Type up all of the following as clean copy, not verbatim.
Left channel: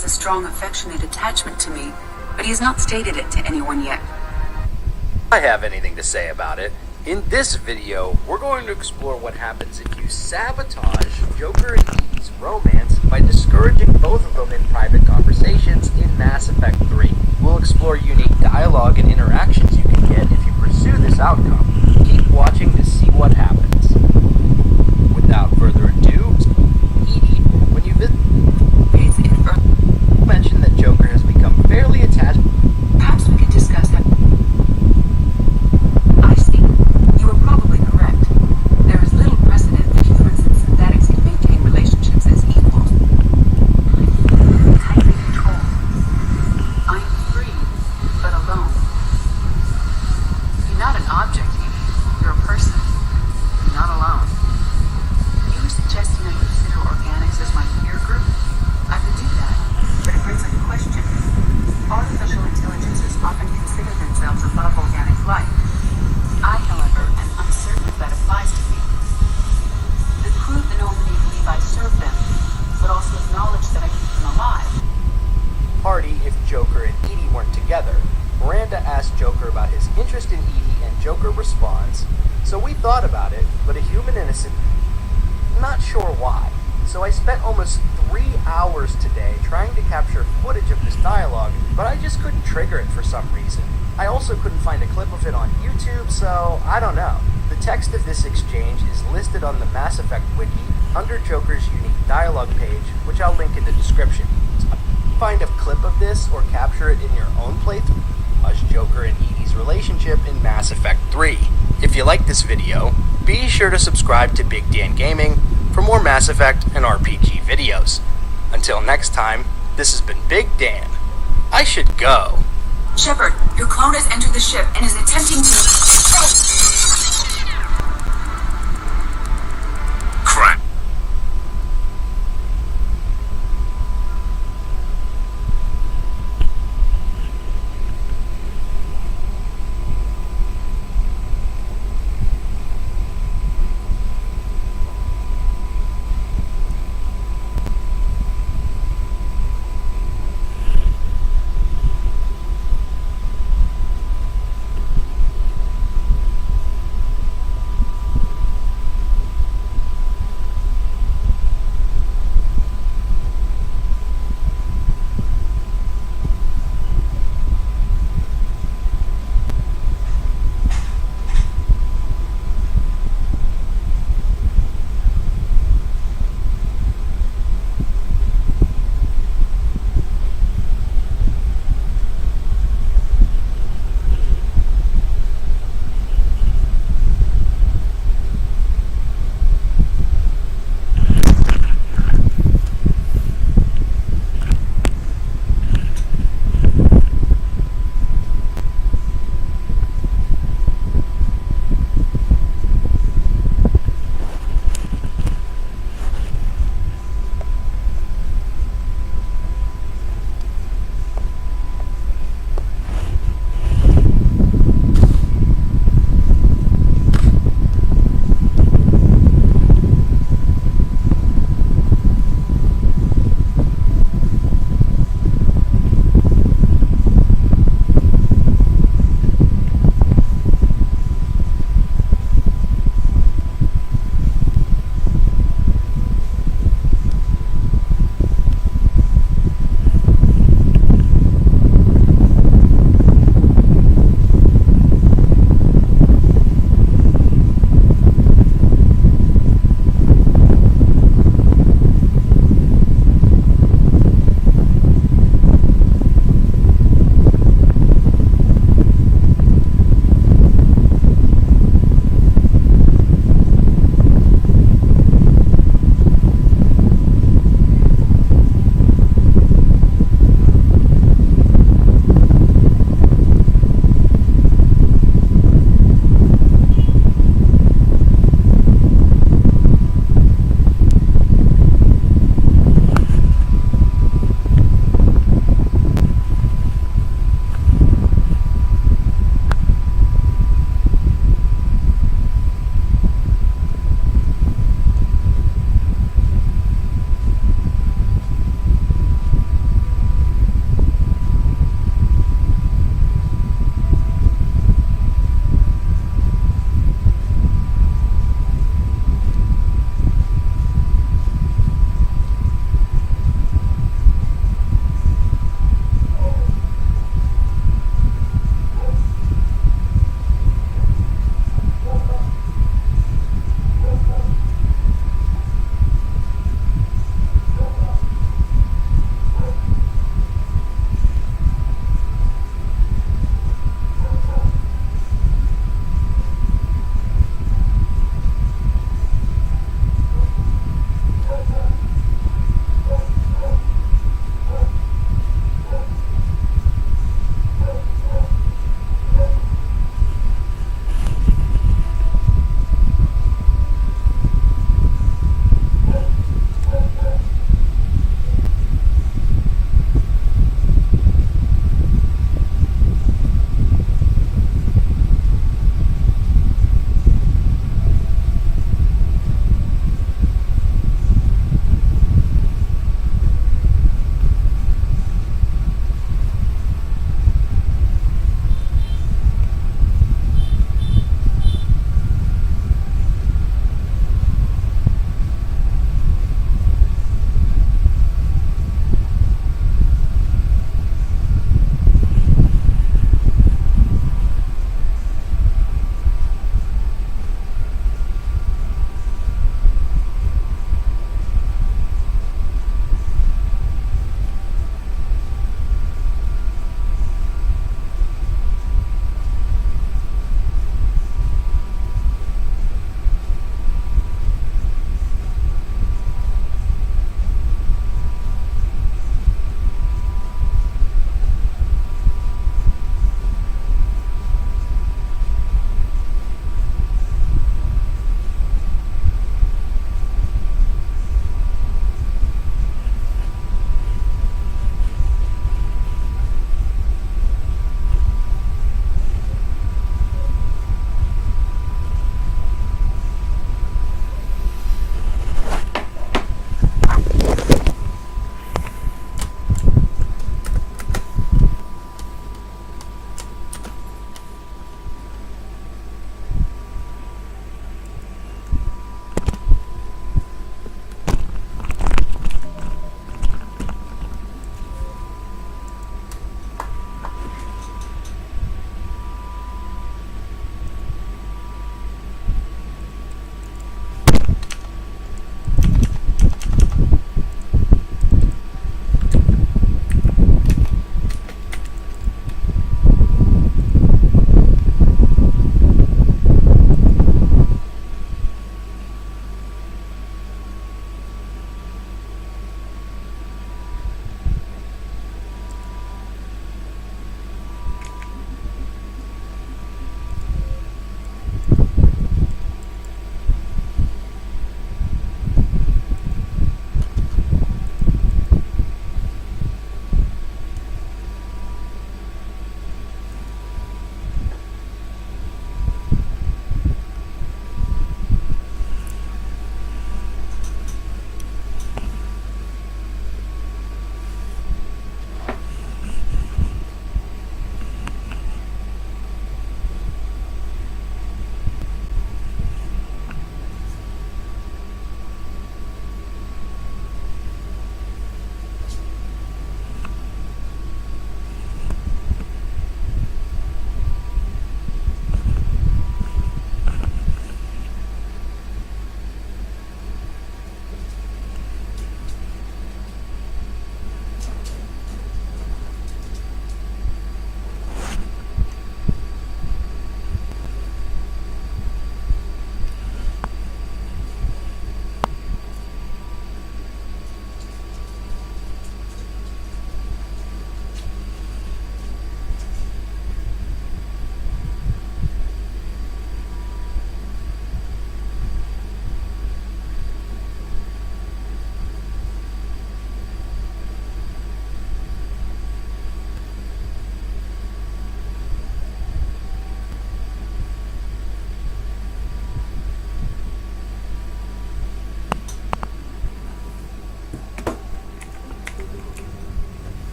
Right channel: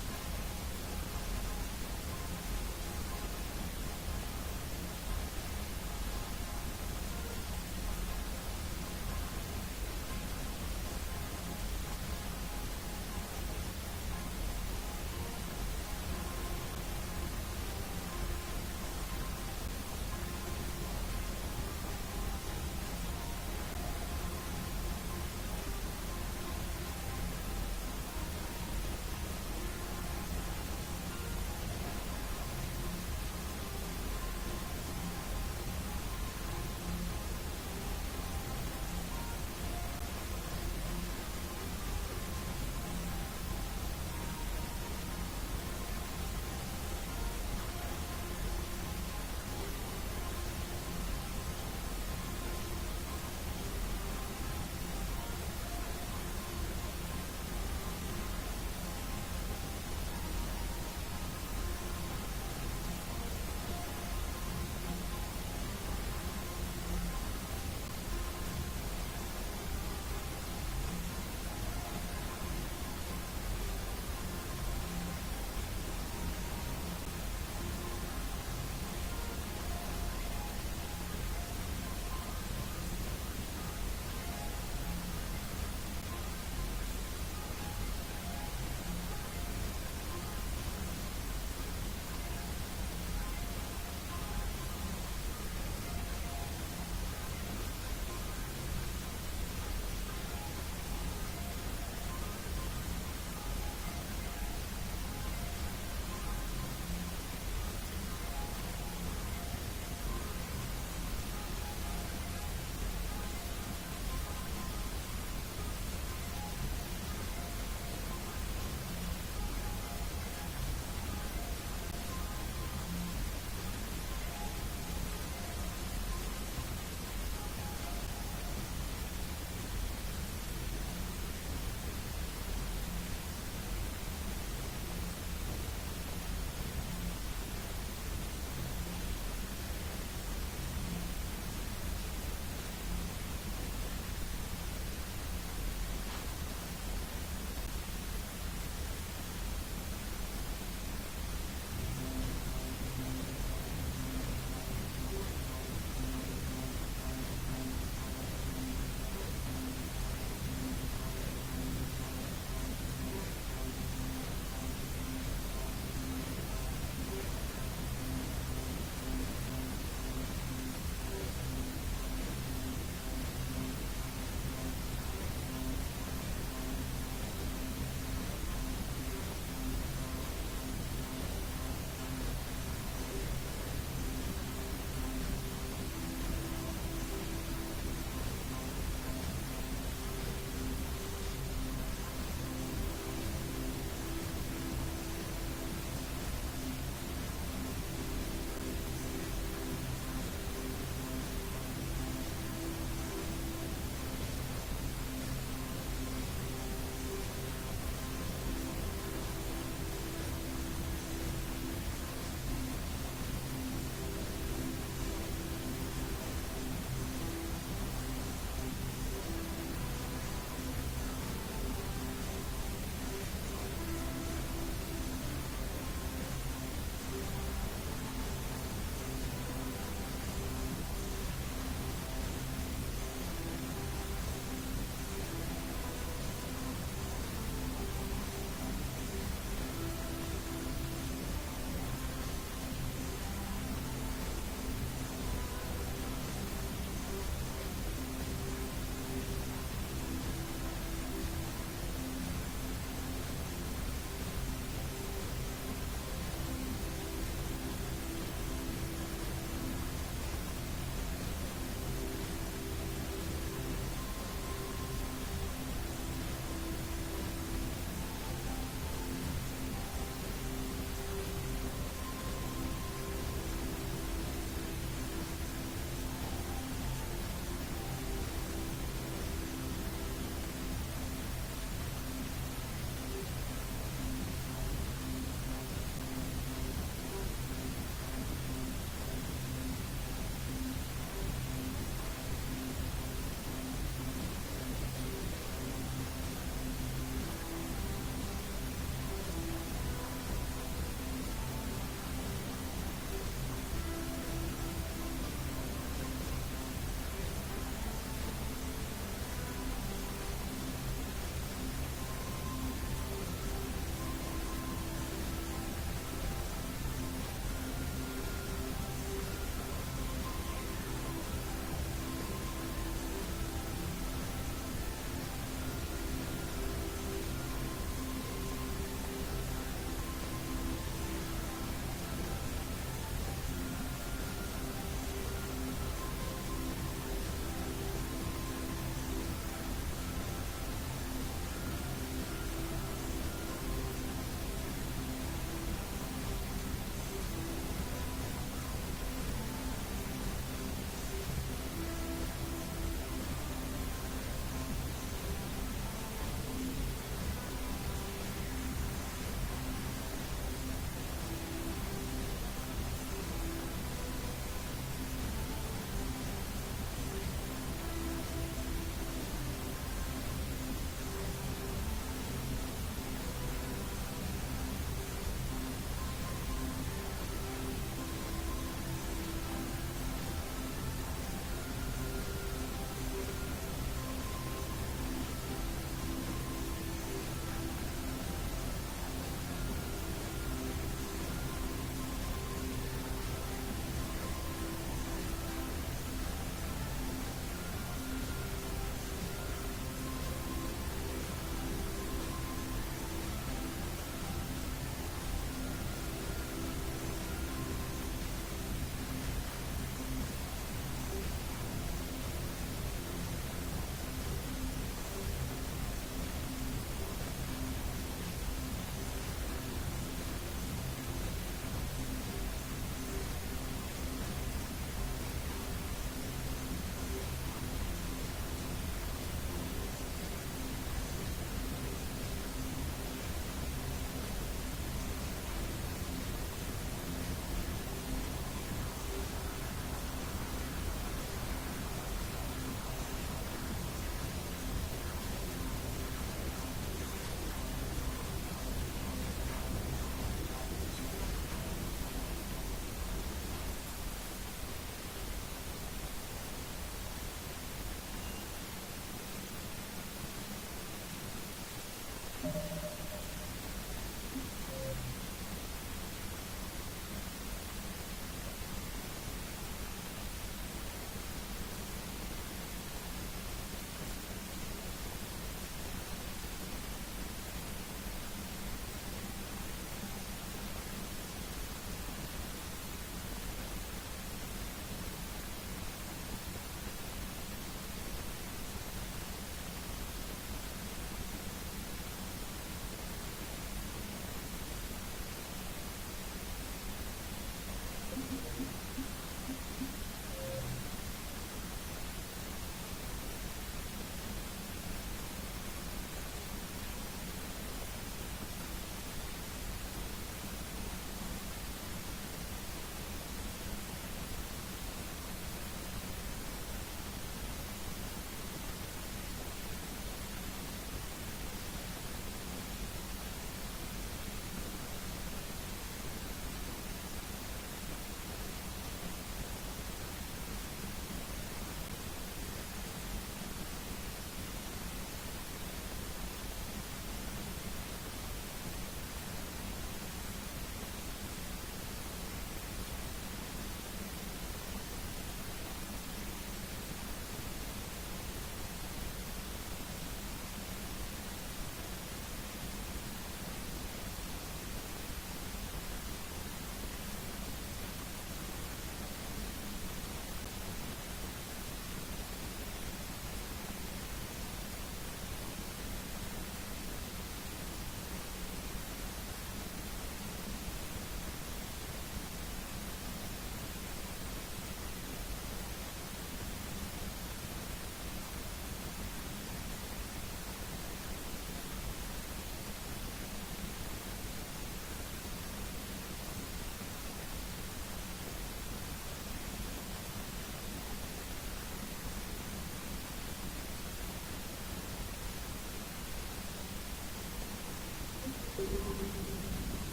has a strong affectionate attachment to me, but he has not stated it to anyone yet. I have anything to say about it. In this video, we're going to explore what happens if you sabotage Joker and Edie's romance by discouraging both of them in private conversations in Mass Effect 3. We'll explore unique dialogue and interactions you can get if you pursue this outcome. Keep watching to see what happens. Without further ado, Edie, when you mentioned that Joker has become fairly attached. Perhaps we could discuss how... I see. You are probably correct. There is little precedent that humans and synthetics can maintain relationships as equals. Tightly controlled. I am free, but alone. You're not an object, Edie. You're a person. You're not alone. You were suggesting I consider organics as my peer group? I could do that, but it brings up a question. Artificial intelligences often consider themselves above organic life. I, however, am uncertain if that applies to me. The crew of the Normandy believe I serve them, but also acknowledge that I keep them alive. Party if Joker and Edie weren't together. Miranda asked Joker about his interest in Edie, and Joker responds, "So we thought about it, but a human innocent, not sure why. So I spent almost 3 hours today trying to capture footage of this dialogue, but I just couldn't trigger it for some reason. I also couldn't find a clip of it on YouTube, so I don't know." The text of this exchange is listed on the Mass Effect wiki under Joker's unique dialogue page, which I'll link in the description. Find a clip of this or capture it in your own playthrough as Joker and Edie's relationship in Mass Effect 3. If you like this video, be sure to subscribe to Big Dan Gaming for more Mass Effect and RPG videos. Until next time, this has been Big Dan. I should go. Shepard, your clone has entered the ship and is attempting to... Crap.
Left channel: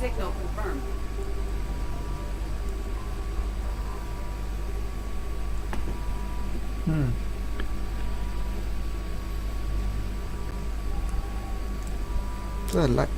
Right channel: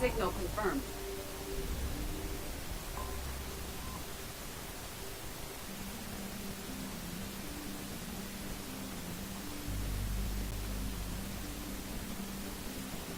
Signal confirmed. Rất là lạnh.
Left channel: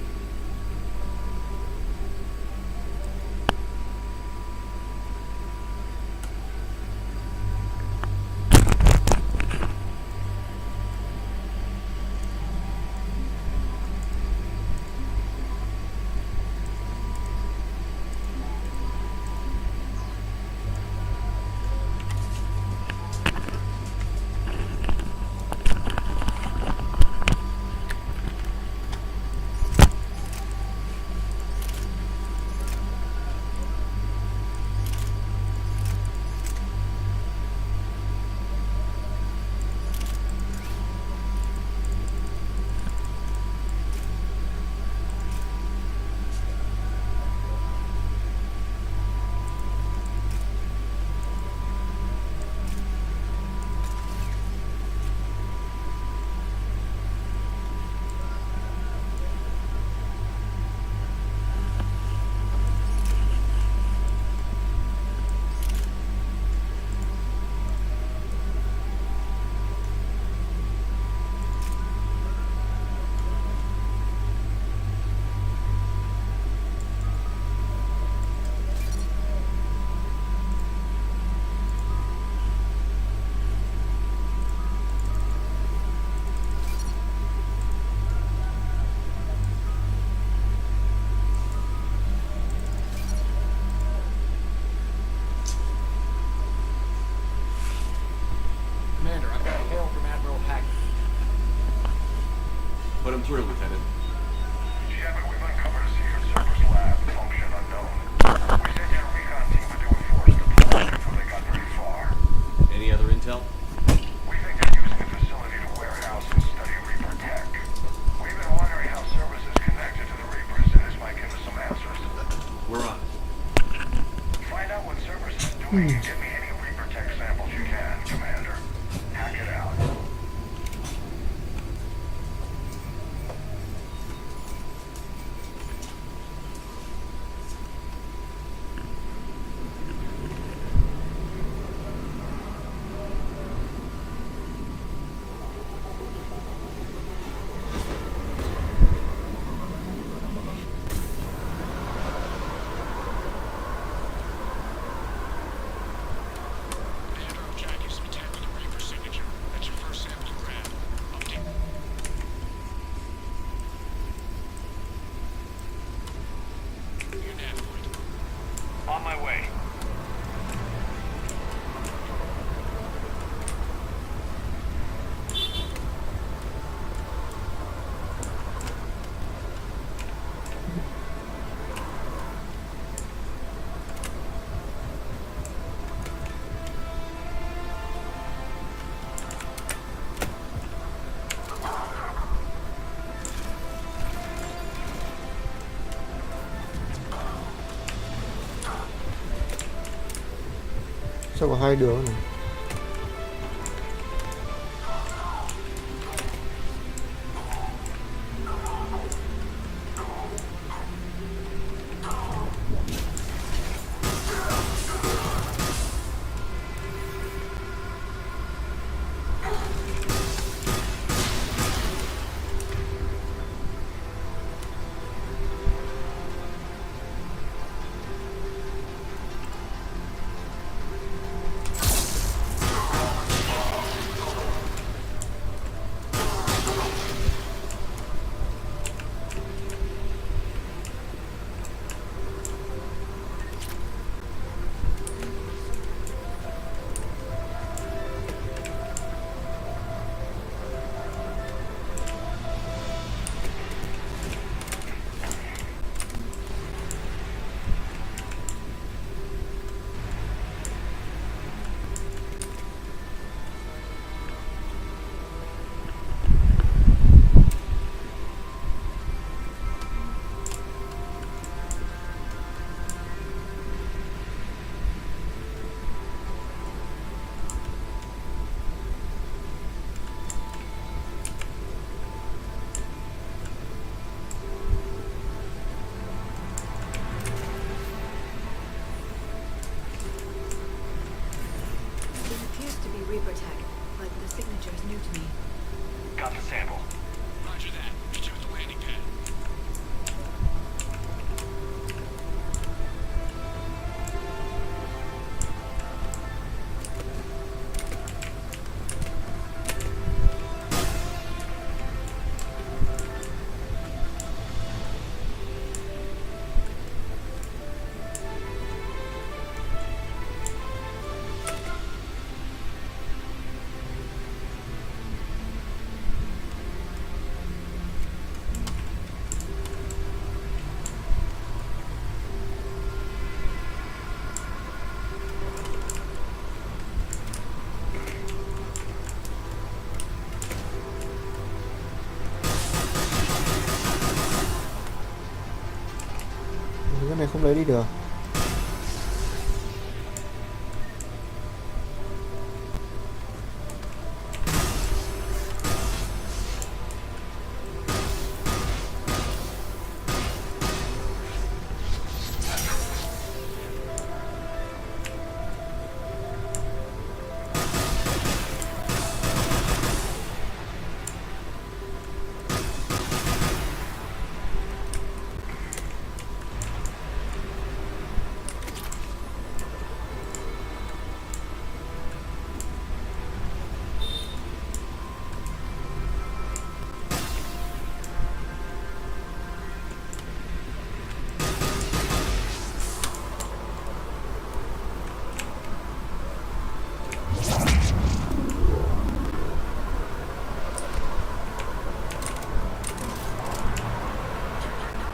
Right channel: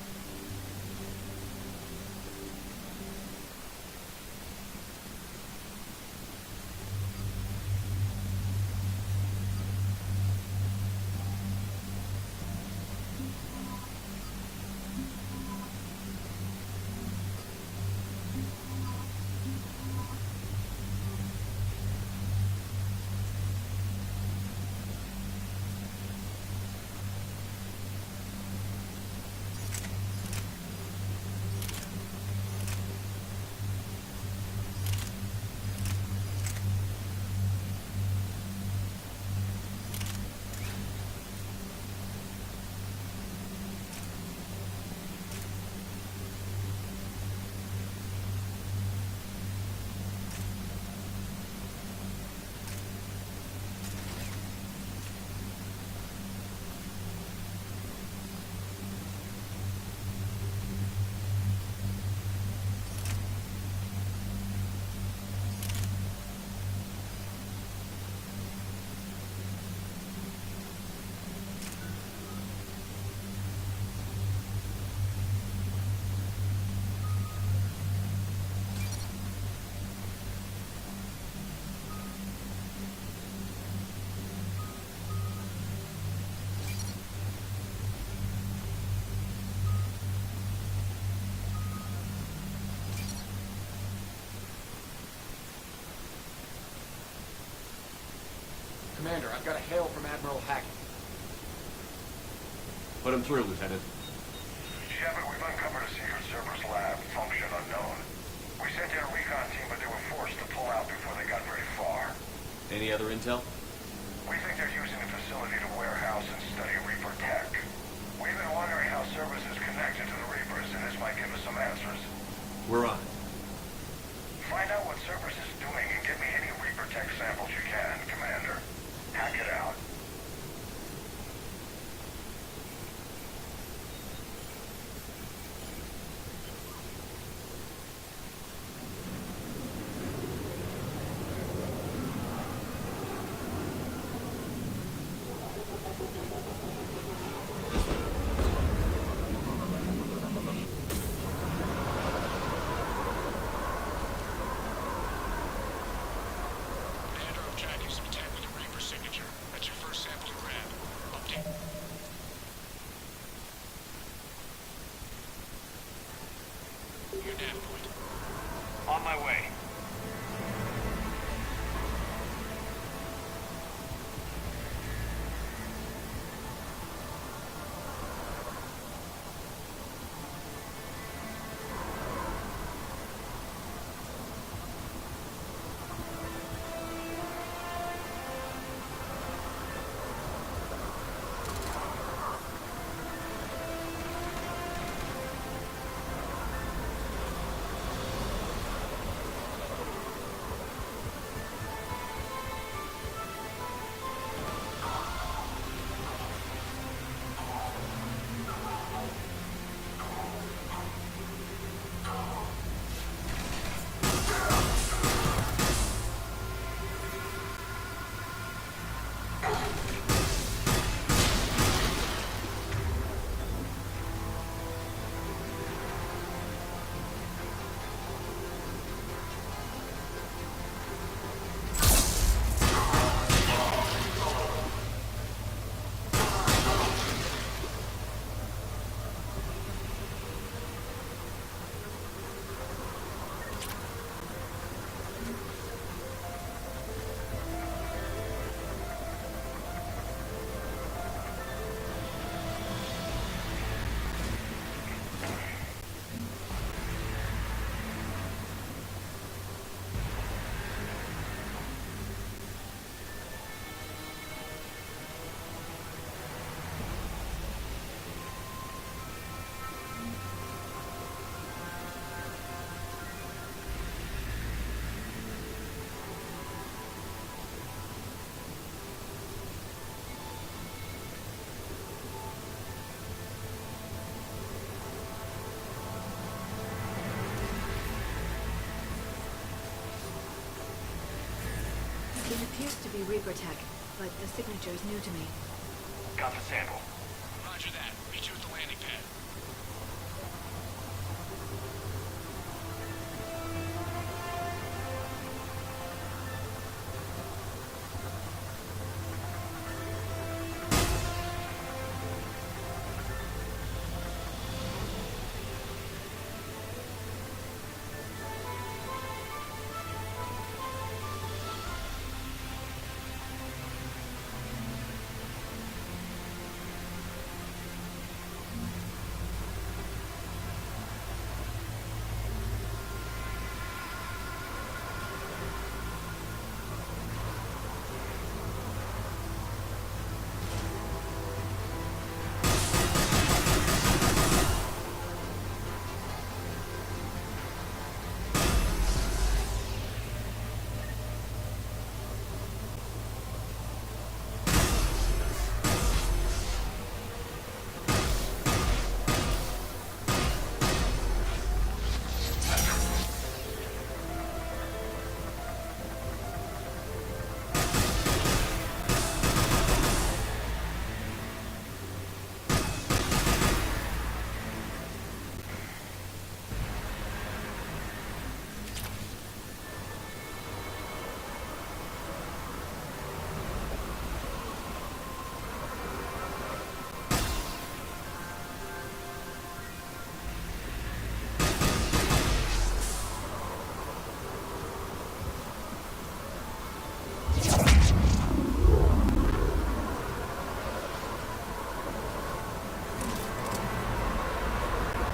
Commander, I've got a hail from Admiral Hackett. Put him through, Lieutenant. Shepard, we've uncovered a secret Cerberus lab, function unknown. We sent in a recon team, but they were forced to pull out before they got very far. Any other intel? We think they're using the facility to warehouse and study Reaper tech. We've been wondering how Cerberus is connected to the Reapers, and this might give us some answers. We're on it. Find out what Cerberus is doing and get me any Reaper tech samples you can, Commander. Hack it out. On my way. Sao có hai đường này? It appears to be Reaper tech, but the signature is new to me. Got the sample. Roger that. Meet you at the landing pad. Cái này không lấy đi được.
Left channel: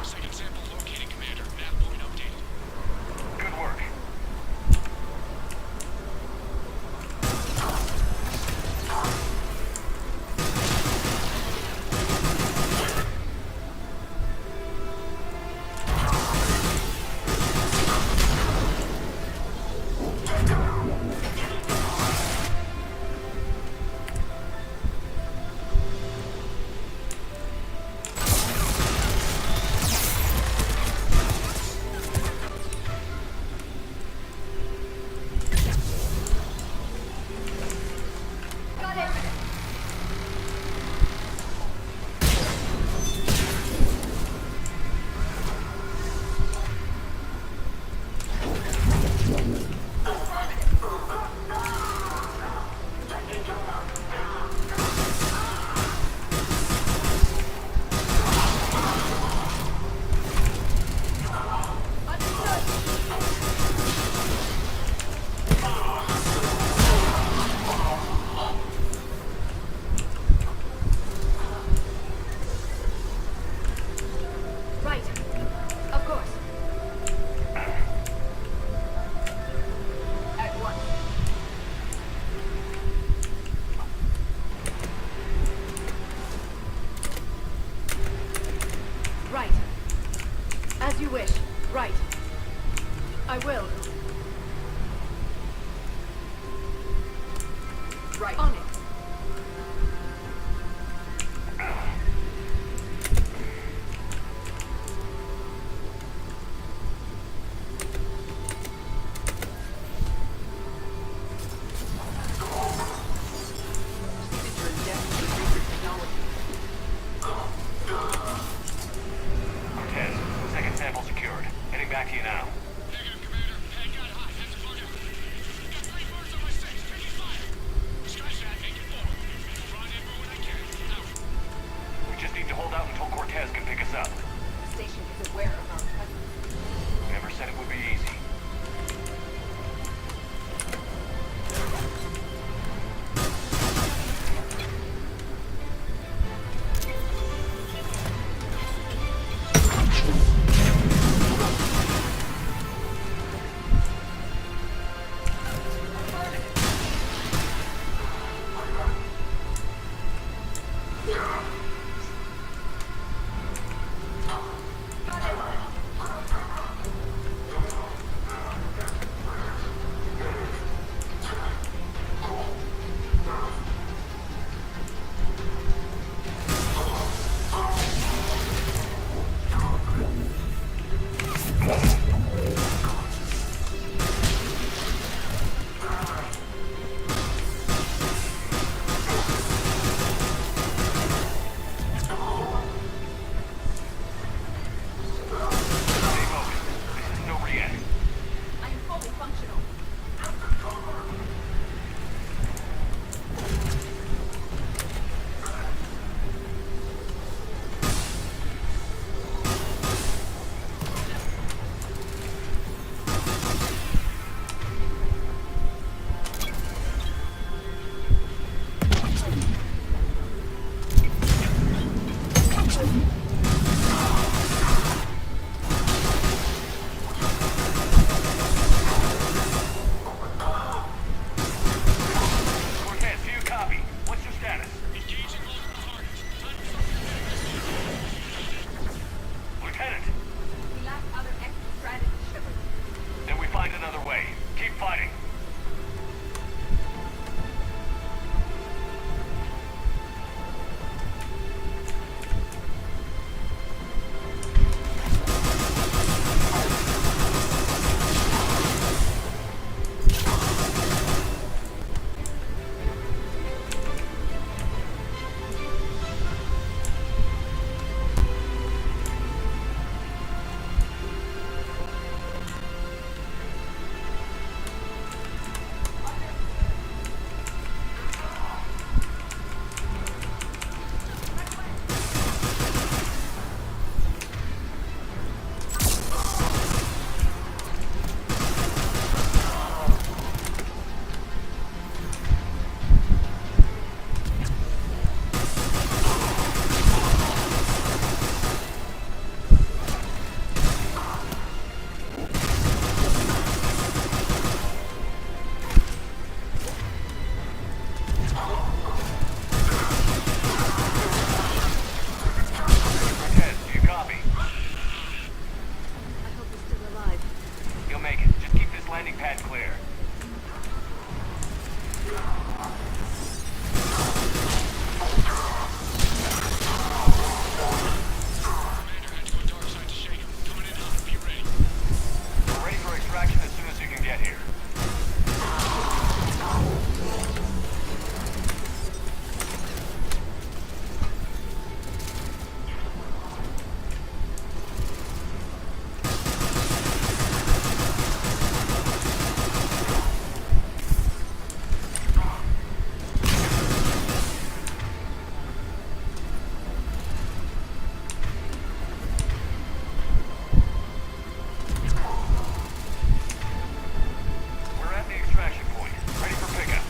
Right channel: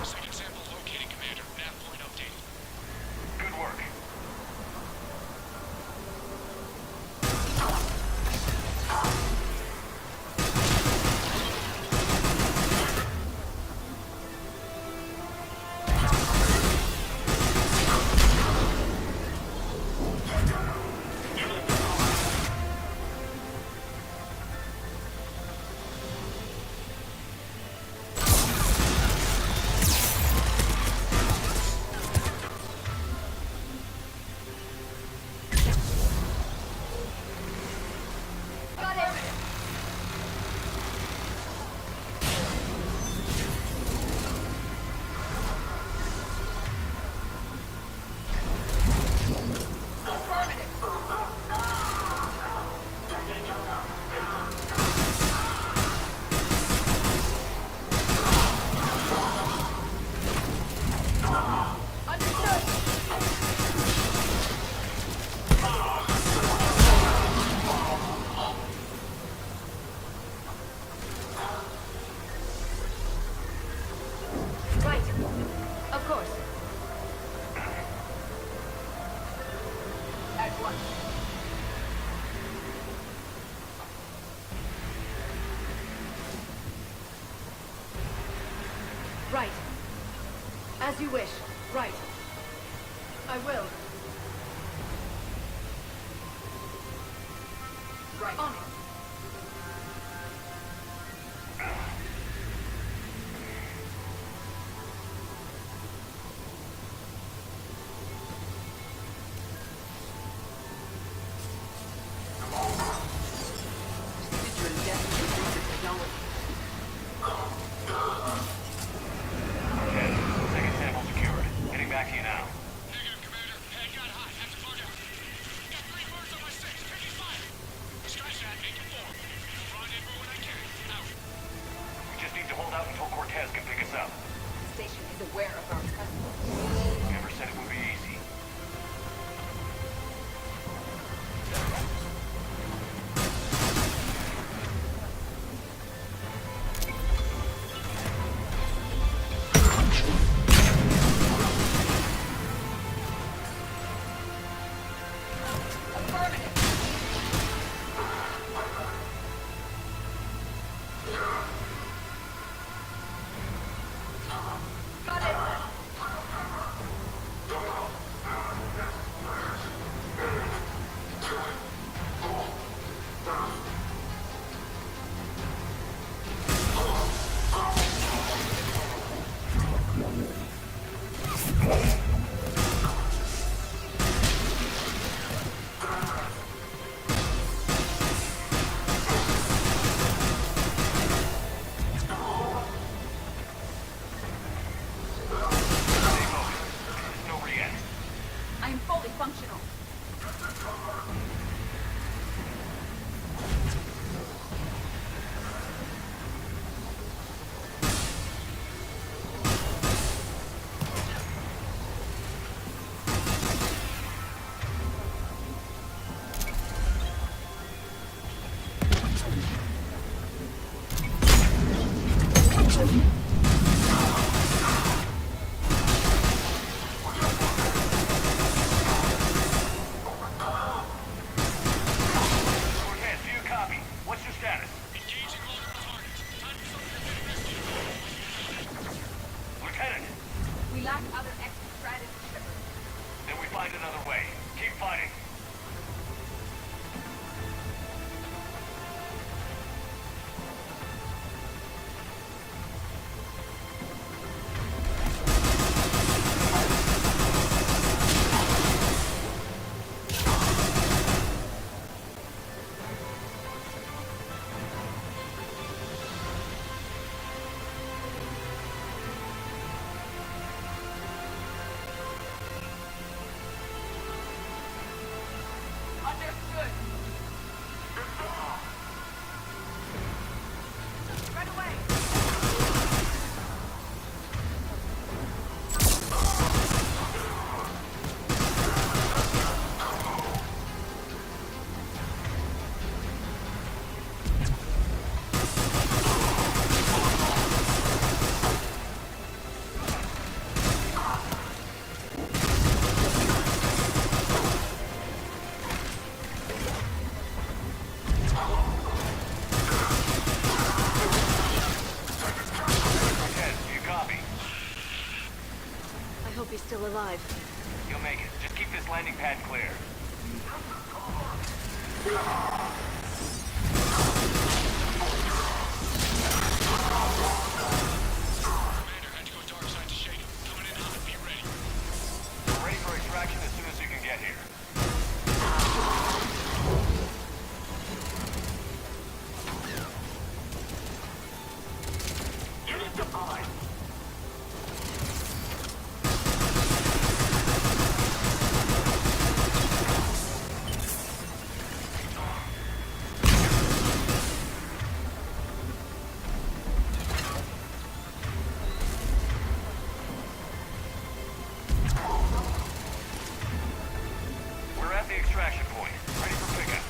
Second sample located, Commander. Nav point updated. Good work. Right. Of course. At once. Right. As you wish. Right. I will. Right. On it. Signature is definitely Reaper technology. Cortez, second sample secured. Heading back to you now. Negative, Commander. Pad got hot. Have to slow down. Got 3 birds on my 6. Taking fire. Scratch that. Commander had to go dark side to shake him. Coming in hot. Be ready. We're ready for extraction as soon as you can get here. We're at the extraction point. Ready for pickup.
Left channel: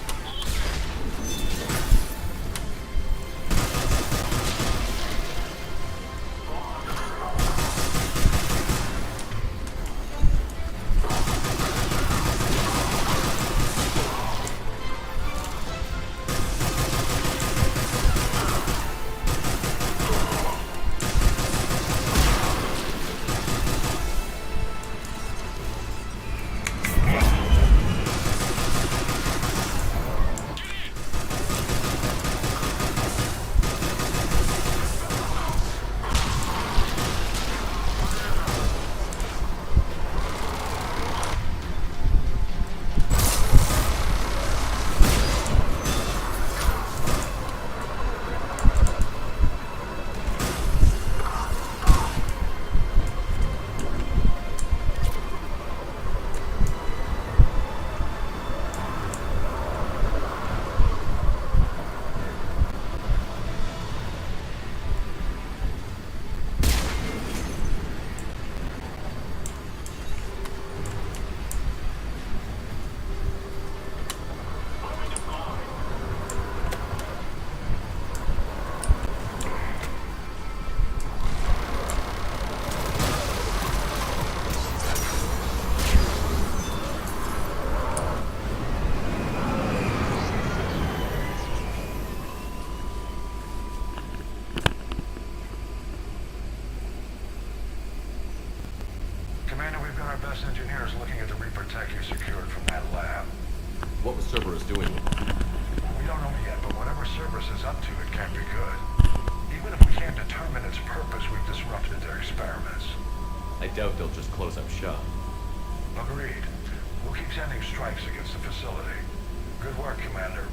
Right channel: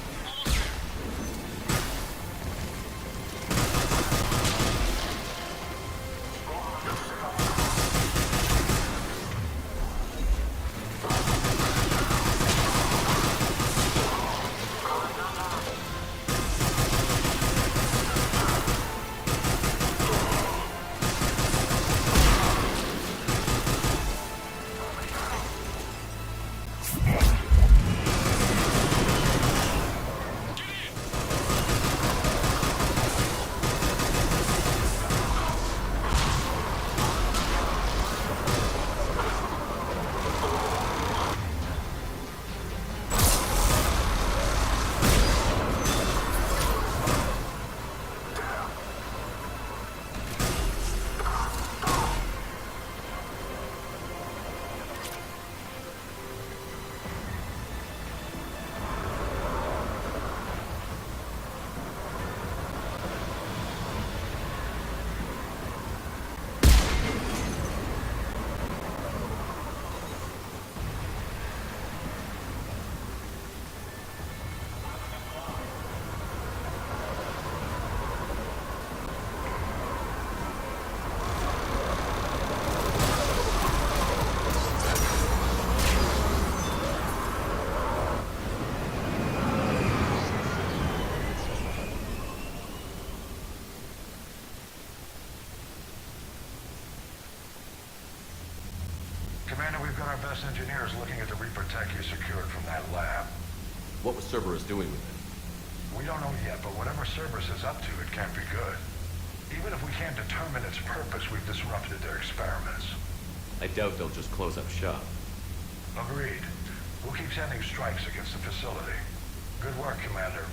Almost there. Commander, we've got our best engineers looking at the Reaper tech you secured from that lab. What was Cerberus doing with it? We don't know yet, but whatever Cerberus is up to, it can't be good. Even if we can't determine its purpose, we've disrupted their experiments. I doubt they'll just close up shop. Agreed. We'll keep sending strikes against the facility. Good work, Commander.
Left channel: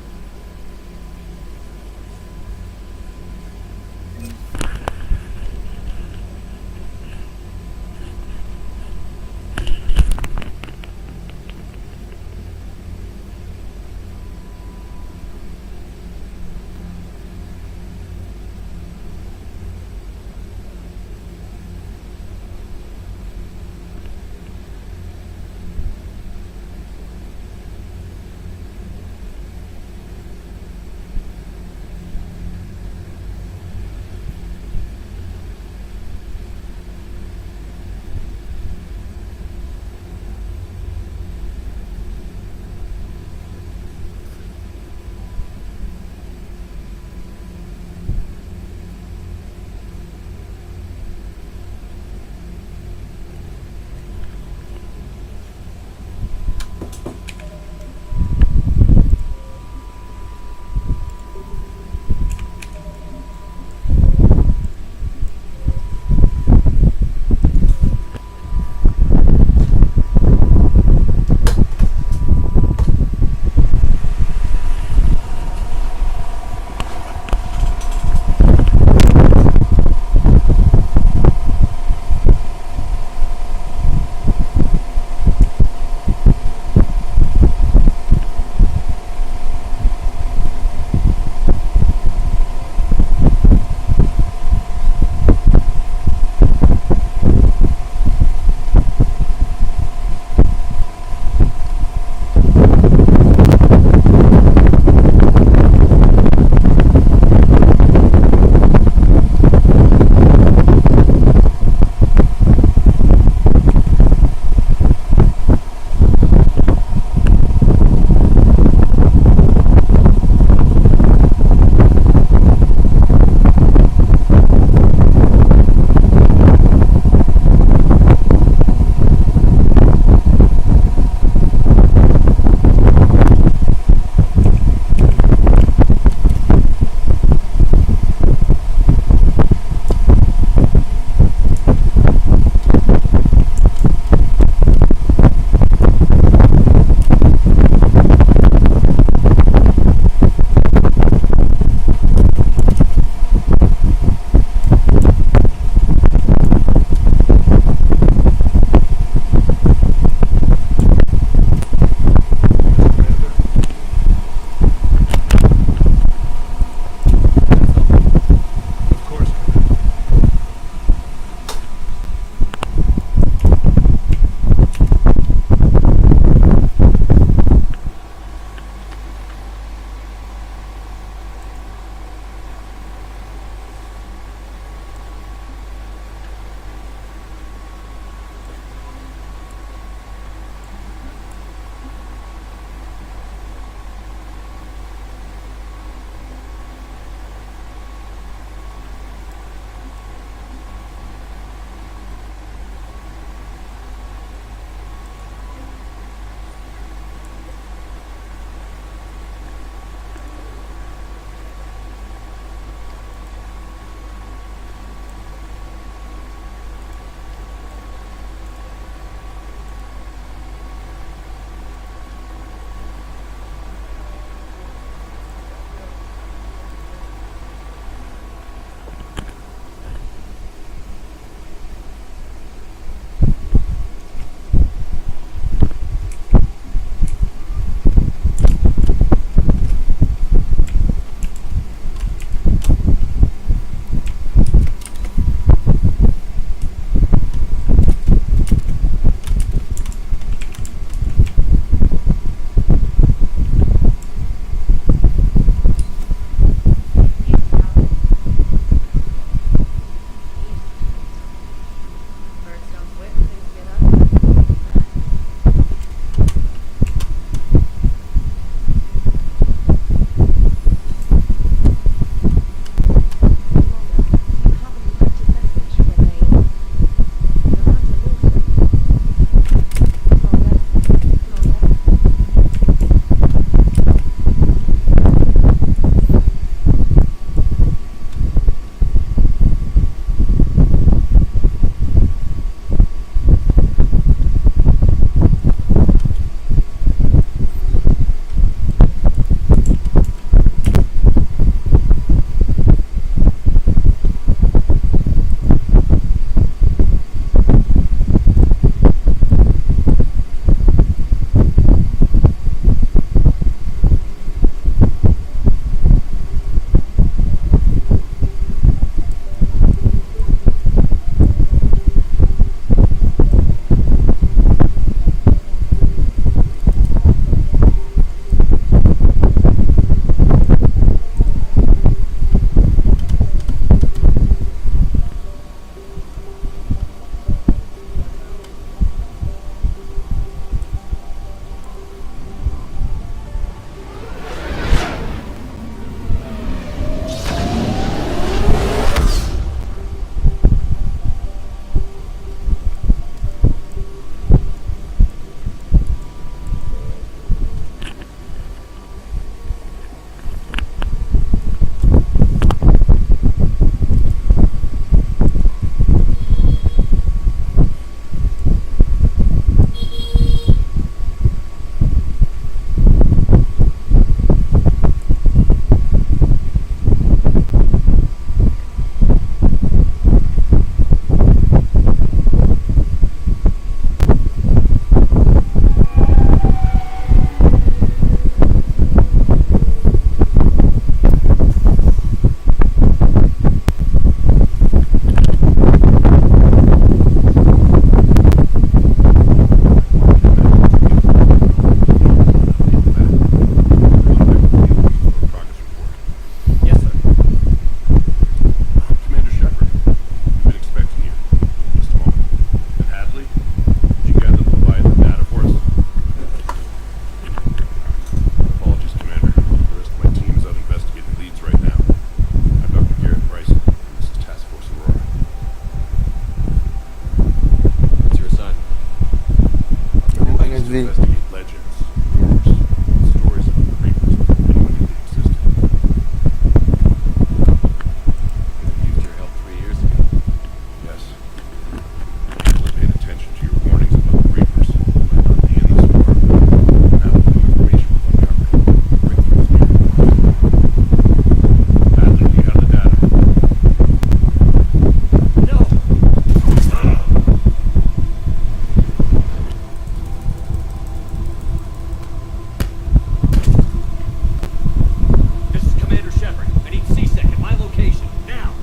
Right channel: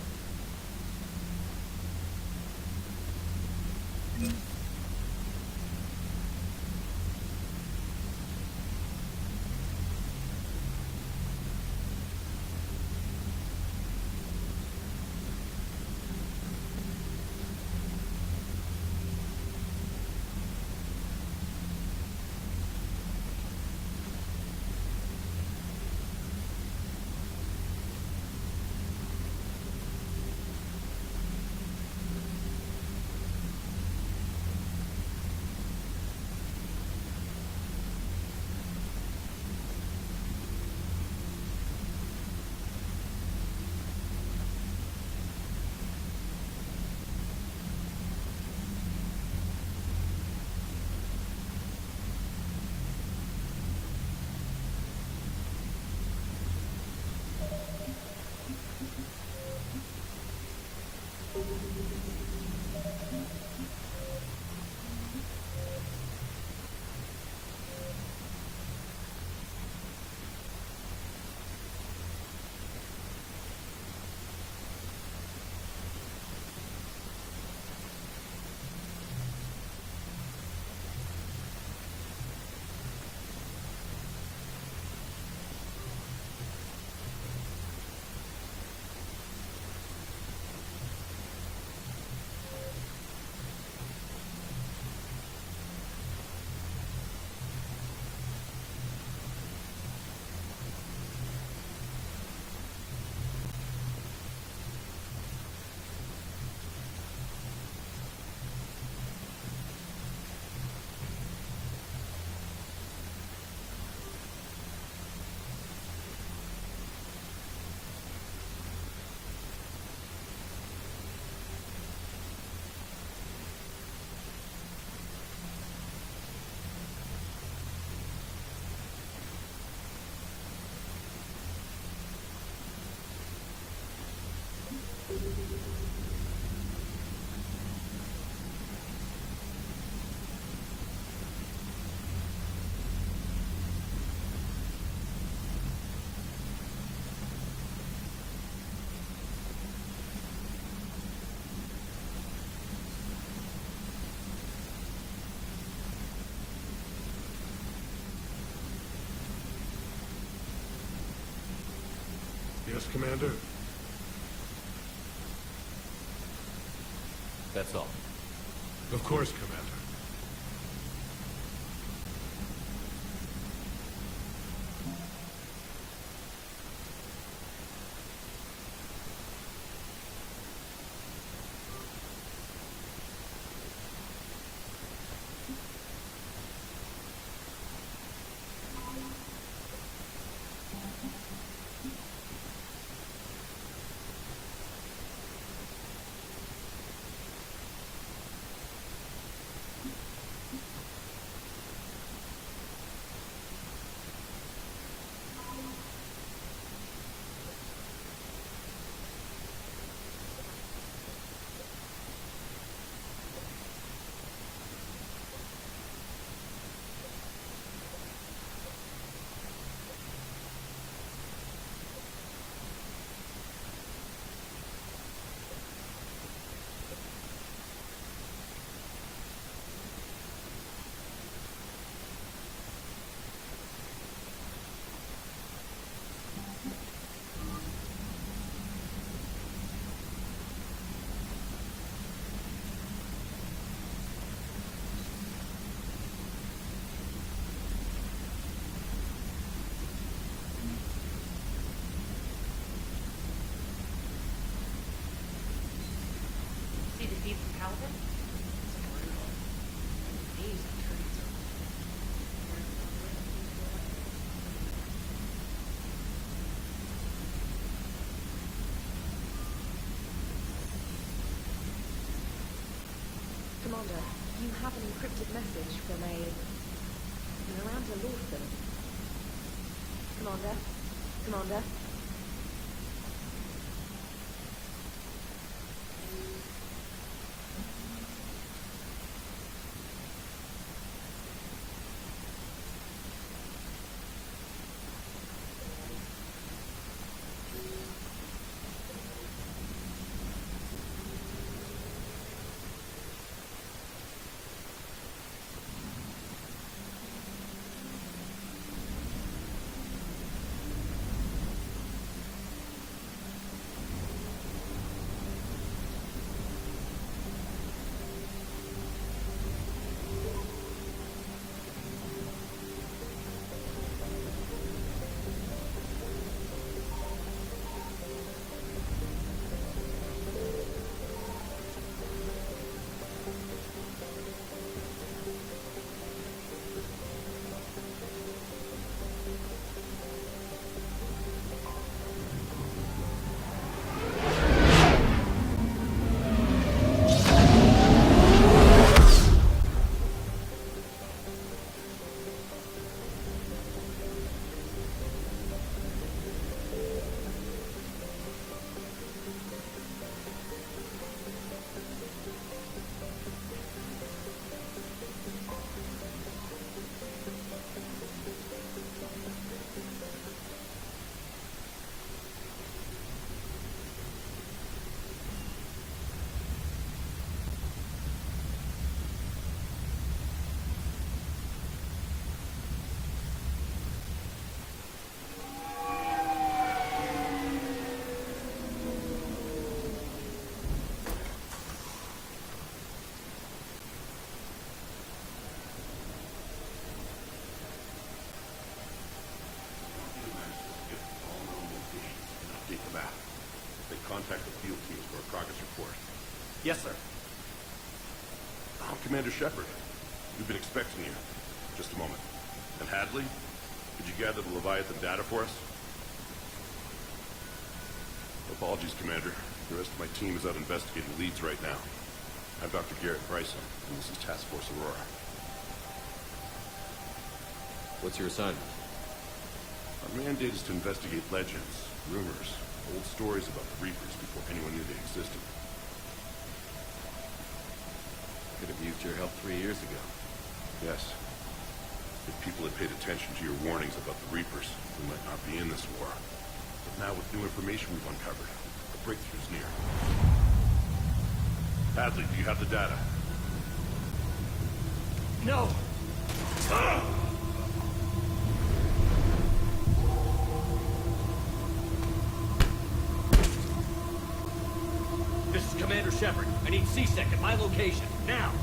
Shepard, I need C-Sec at my location, now!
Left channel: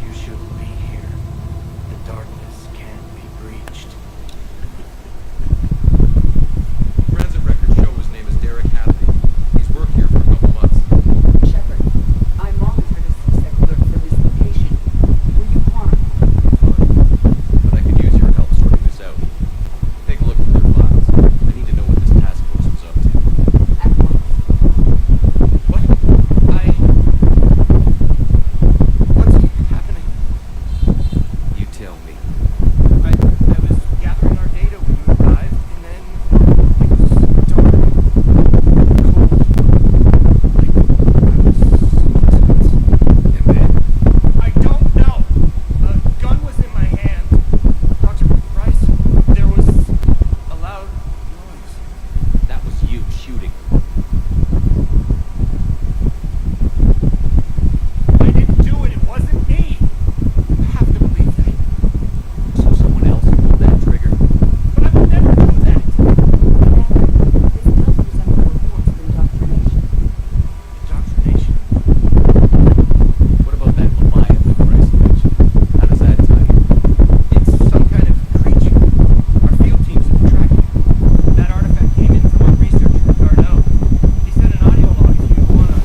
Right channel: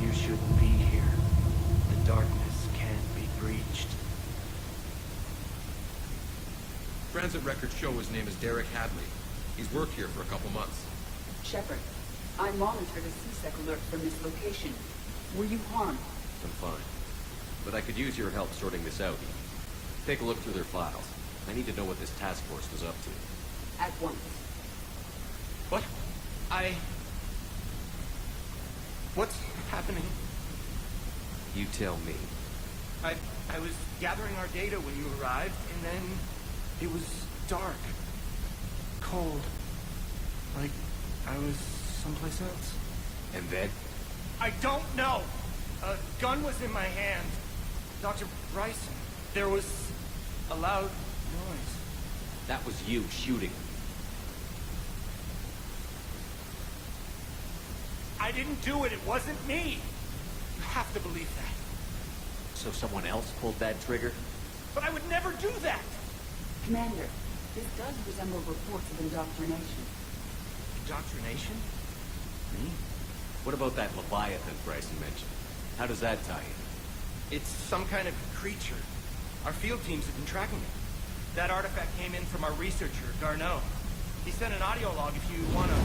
You shouldn't be here. The darkness can't be breached. Transit records show his name is Derek Hadley. He's worked here for a couple months. Shepard, I monitored a C-Sec alert from this location. Were you harmed? Fine. But I could use your help sorting this out. Take a look through their files. I need to know what this task force was up to. At once. What? What's happening? You tell me. I was gathering our data when you arrived, and then it was dark, cold, like I was someplace else. And then? I don't know. A gun was in my hand. Dr. Bryce, there was a loud noise. That was you shooting him. I didn't do it. It wasn't me. You have to believe that. So someone else pulled that trigger? But I would never do that. Commander, this does resemble reports of indoctrination. Indoctrination? What about that Leviathan Bryce mentioned? How does that tie in? It's some kind of creature. Our field teams have been tracking it. That artifact came in from our researcher, Garneau. He sent an audio log if you wanna...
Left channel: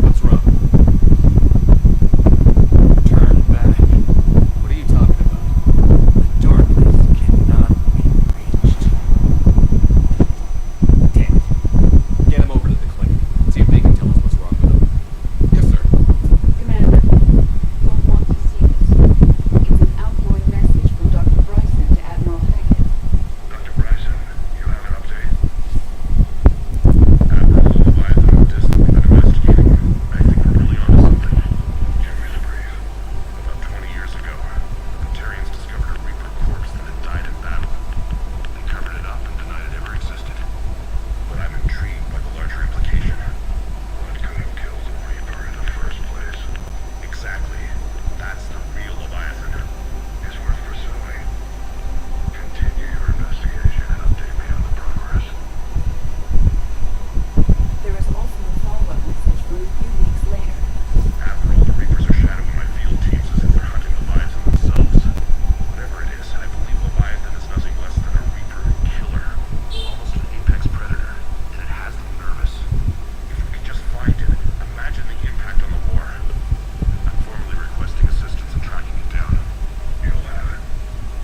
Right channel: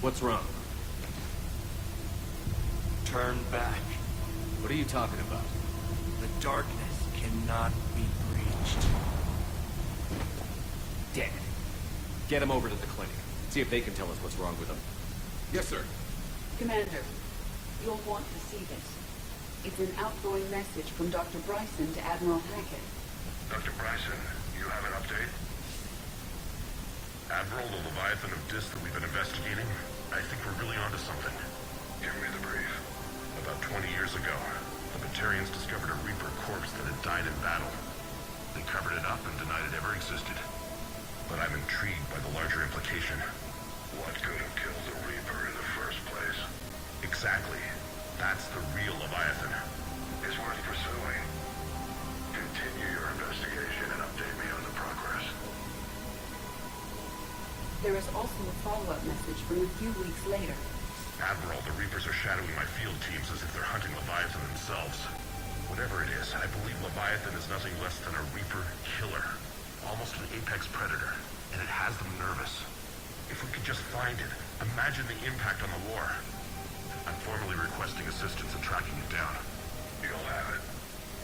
What's wrong? Turn back. What are you talking about? The darkness cannot be breached. Damn it. Get him over to the clinic. See if they can tell us what's wrong with him. Yes, sir. Commander, you'll want to see this. It's an outgoing message from Dr. Bryson to Admiral Hackett. Dr. Bryson, you have an update? Admiral, the Leviathan of Dis that we've been investigating. I think we're really onto something. Give me the brief. About 20 years ago, the Batarians discovered a Reaper corpse that had died in battle. They covered it up and denied it ever existed. But I'm intrigued by the larger implication. What could have killed the Reaper in the first place? Exactly. That's the real Leviathan. It's worth pursuing. Continue your investigation and update me on the progress. There is also a follow-up message from a few weeks later. Admiral, the Reapers are shadowing my field teams as if they're hunting Leviathan themselves. Whatever it is, I believe Leviathan is nothing less than a Reaper killer. Almost an apex predator. And it has them nervous. If we could just find it, imagine the impact on the war. I'm formally requesting assistance in tracking it down. You'll have it.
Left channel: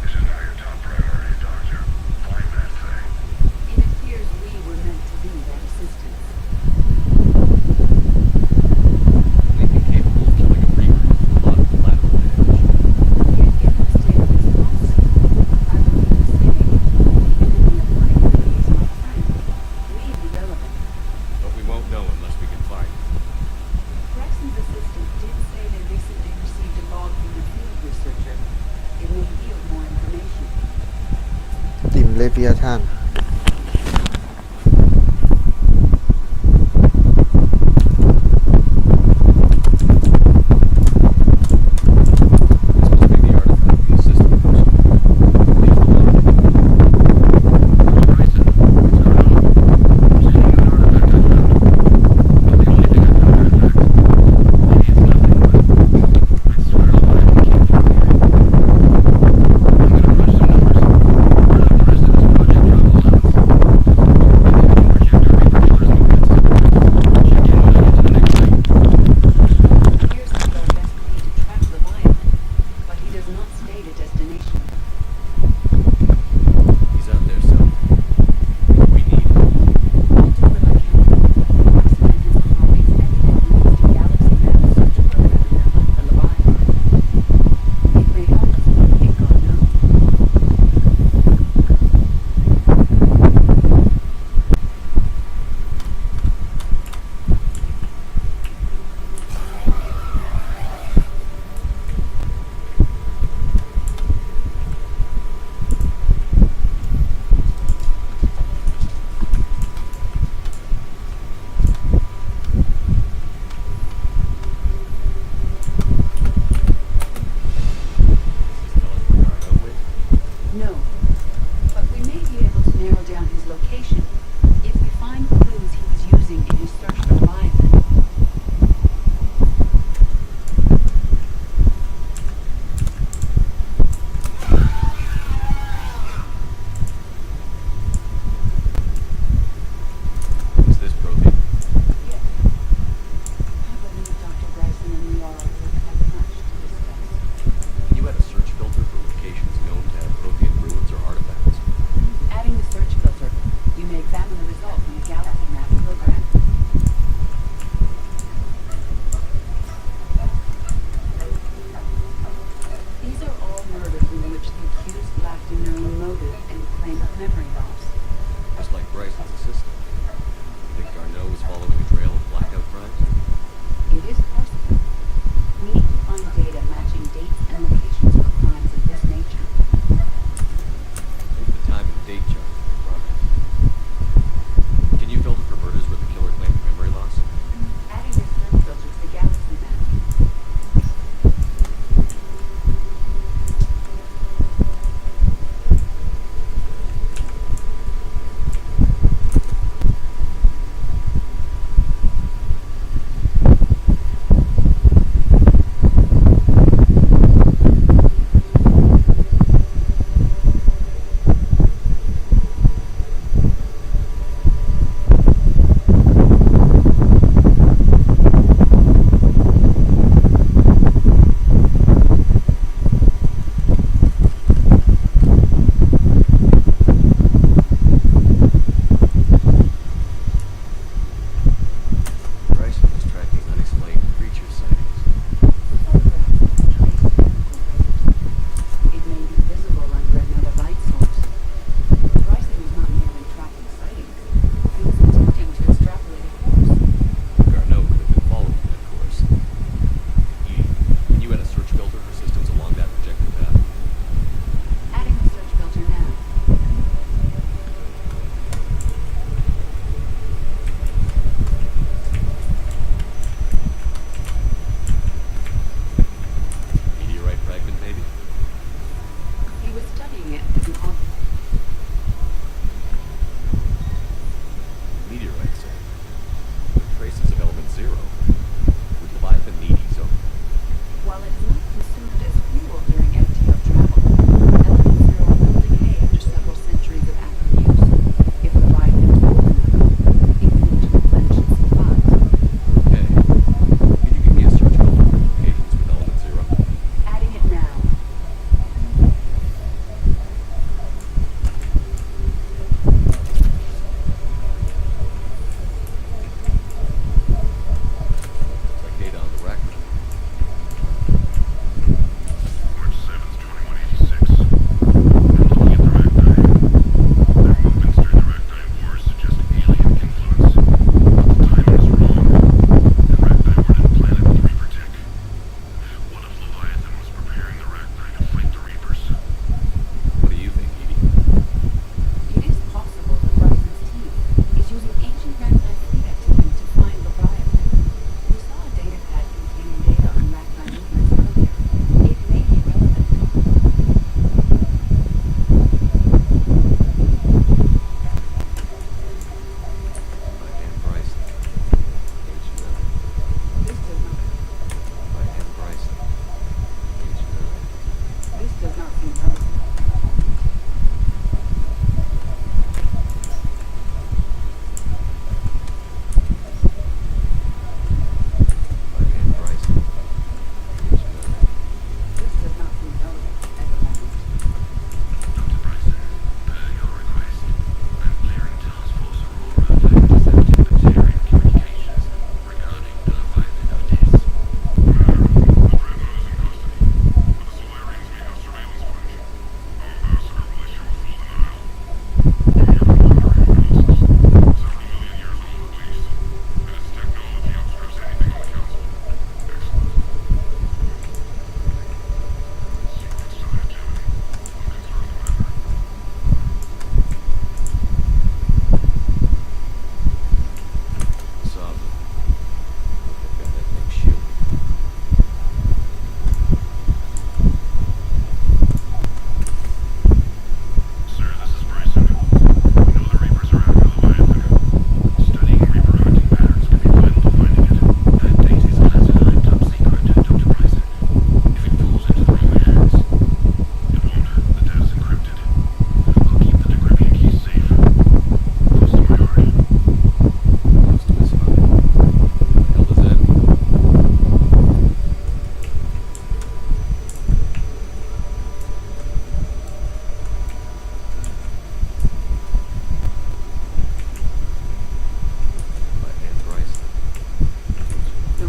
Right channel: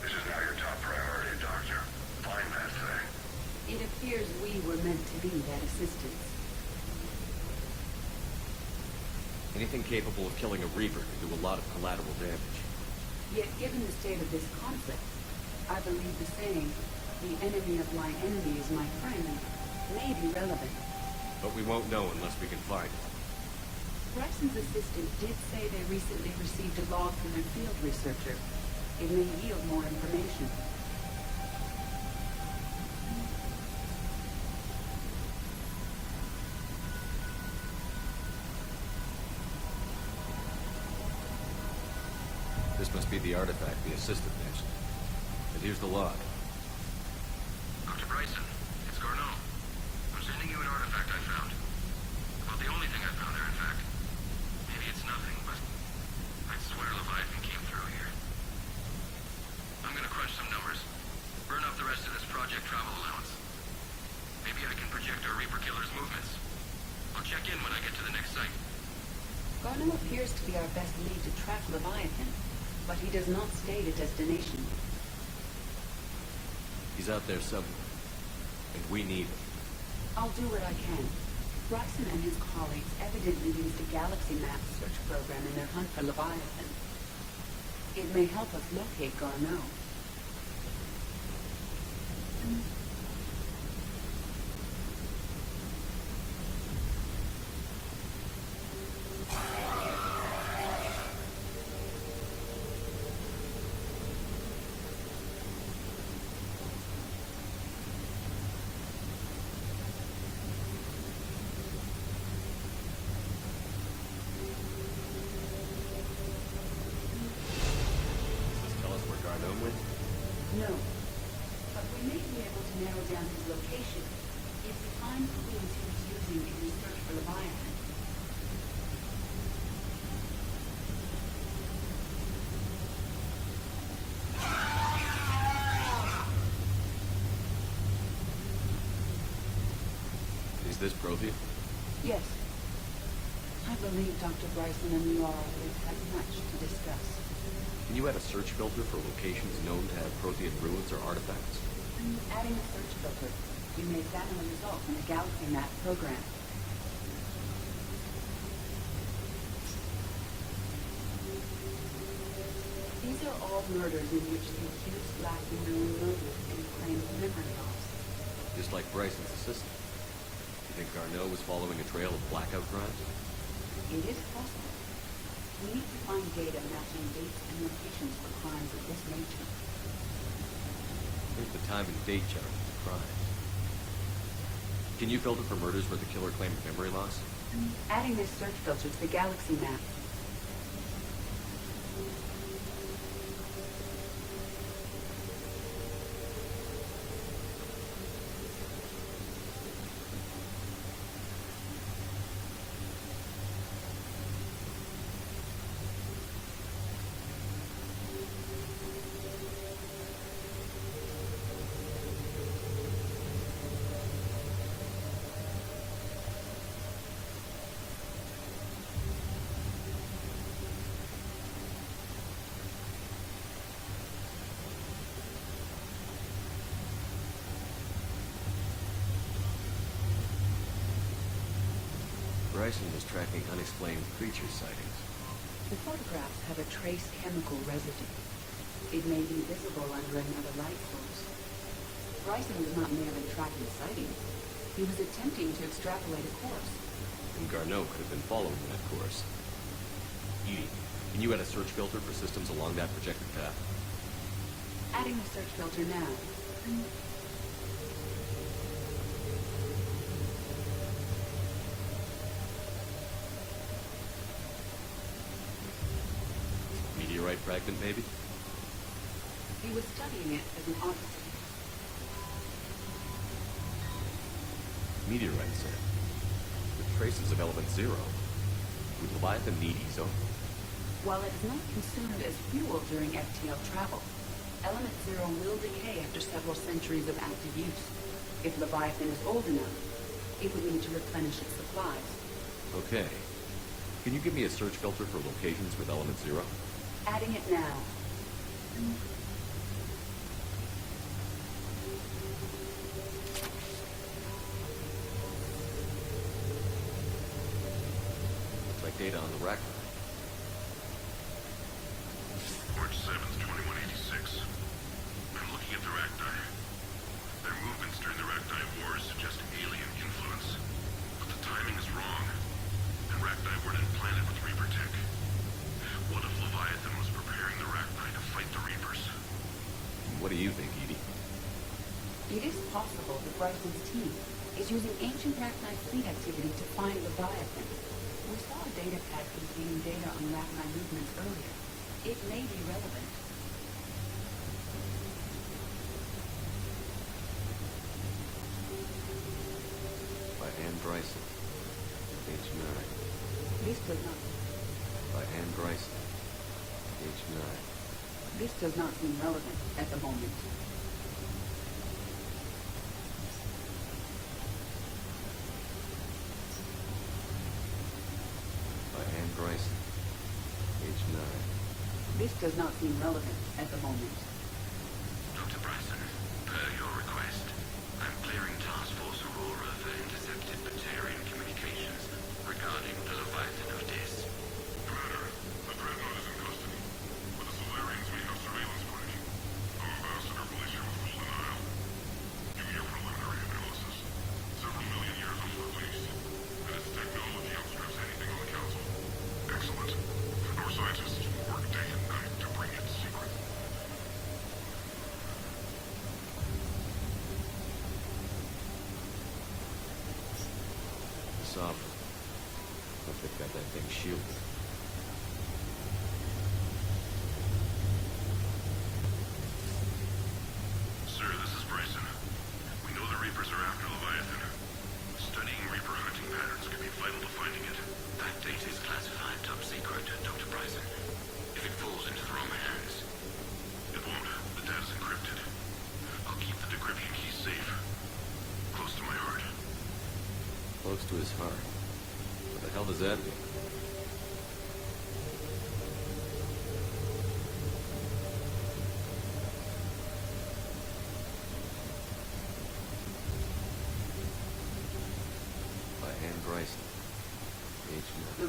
This is now your top priority, Doctor. Find that thing. It appears we were meant to be that assistance. Anything capable of killing a Reaper can do a lot of collateral damage. Yet given the state of this conflict, I believe the saying, the enemy of my enemy is my friend, may be relevant. But we won't know unless we can find it. Bryson's assistant did say they recently received a log from their field researcher. It may yield more information. ติ่มเลเปียท่าน This must be the artifact the assistant mentioned. Here's the log. Dr. Bryson, it's Garneau. I'm sending you an artifact I found. Not the only thing I found there, in fact. Maybe it's nothing, but I swear Leviathan came through here. I'm gonna crunch some numbers. Burn up the rest of this project travel Bryson and Liara will have had much to discuss. Can you add a search filter for locations known to have Prothean ruins or artifacts? Adding the search filter, you may examine the results on the galaxy map program. These are all murders in which the accused lacked a known motive and claim of memory loss. Just like Bryson's assistant. You think Garneau was following a trail of blackout crimes? It is possible. We need to find data matching dates and locations for crimes of this nature. Make the time and date chart for the crime. Can you filter for murders where the killer claimed memory loss? Adding this search filter to the galaxy map. Bryson was tracking unexplained creature sightings. The photographs have a trace chemical residue. It may be visible under another light source. Bryson was not merely tracking sightings. He was attempting to extrapolate a course. And Garneau could have been following that course. Edie, can you add a search filter for systems along that projected path? Adding the search filter now. Meteorite fragment, maybe? He was studying it as an architect. Meteorite said. With traces of element zero. Would Leviathan need ESO? While it is not consumed as fuel during FTL travel, element zero will decay after several centuries of active use. If Leviathan is old enough, it would need to replenish its supplies. Okay. Can you give me a search filter for locations with element zero? Adding it now. Looks like data on the record. March 7th, 2186. I'm looking at the rack die. They're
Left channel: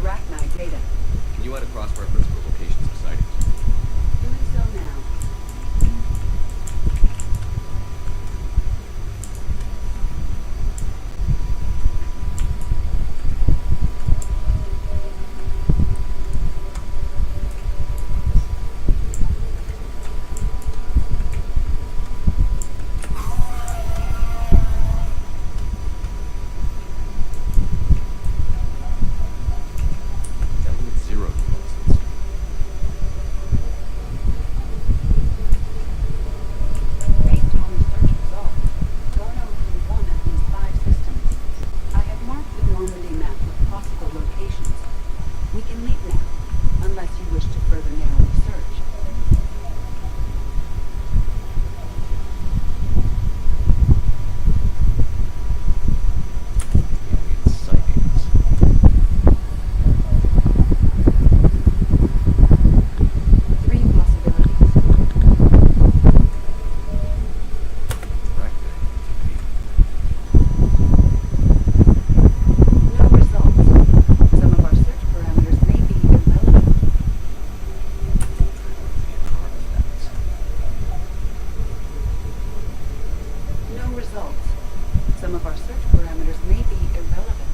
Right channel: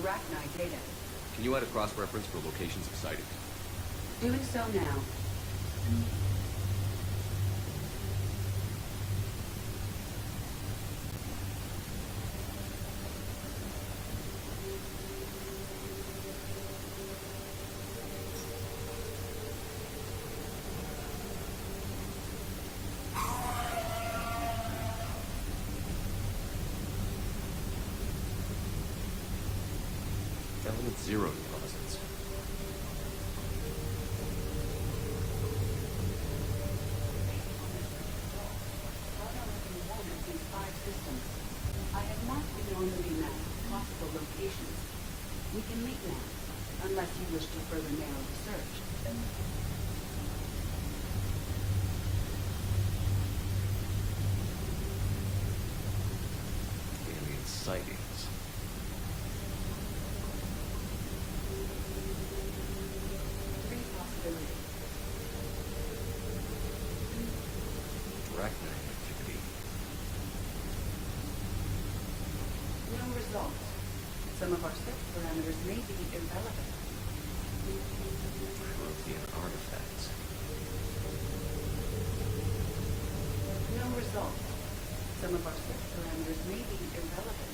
Arachnite data. Can you add a cross-reference for locations of sightings? Doing so now. Element 0 deposits. Based on the search results, go now through one of these 5 systems. I have marked the Normandy map with possible locations. We can leave now, unless you wish to further narrow the search. Alien sightings. Three possibilities. Arachnite activity. No results. Some of our search parameters may be irrelevant. Prothean artifacts. No results. Some of our search parameters may be irrelevant.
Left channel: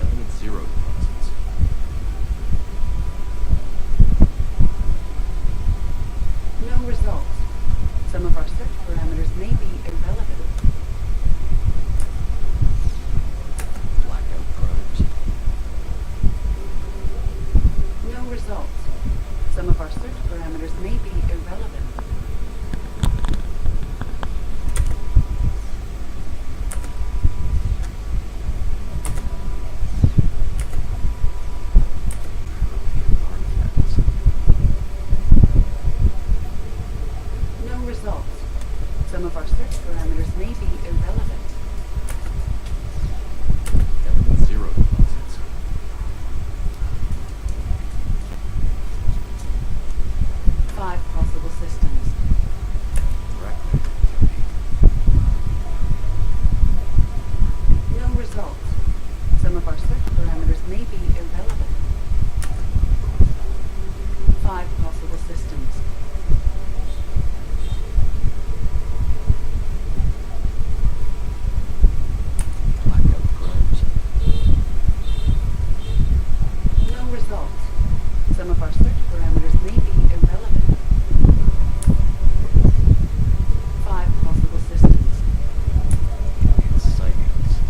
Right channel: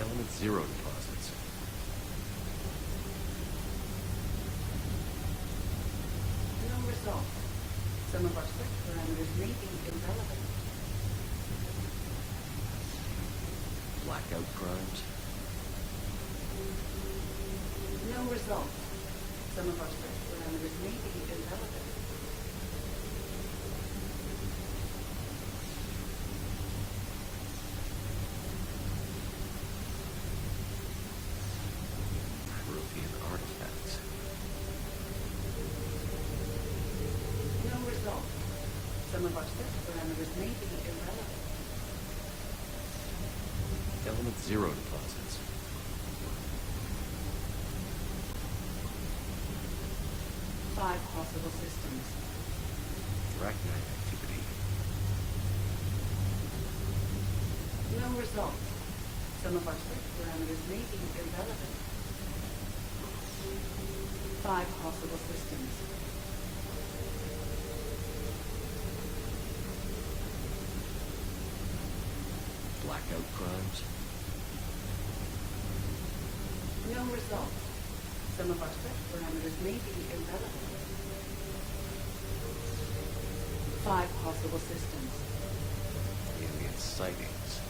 Element 0 deposits. No results. Some of our search parameters may be irrelevant. Blackout crimes. No results. Some of our search parameters may be irrelevant. Prothean artifacts. No results. Some of our search parameters may be irrelevant. Element 0 deposits. Five possible systems. Arachnite activity. No results. Some of our search parameters may be irrelevant. Five possible systems. Blackout crimes. No results. Some of our search parameters may be irrelevant. Five possible systems. Alien sightings.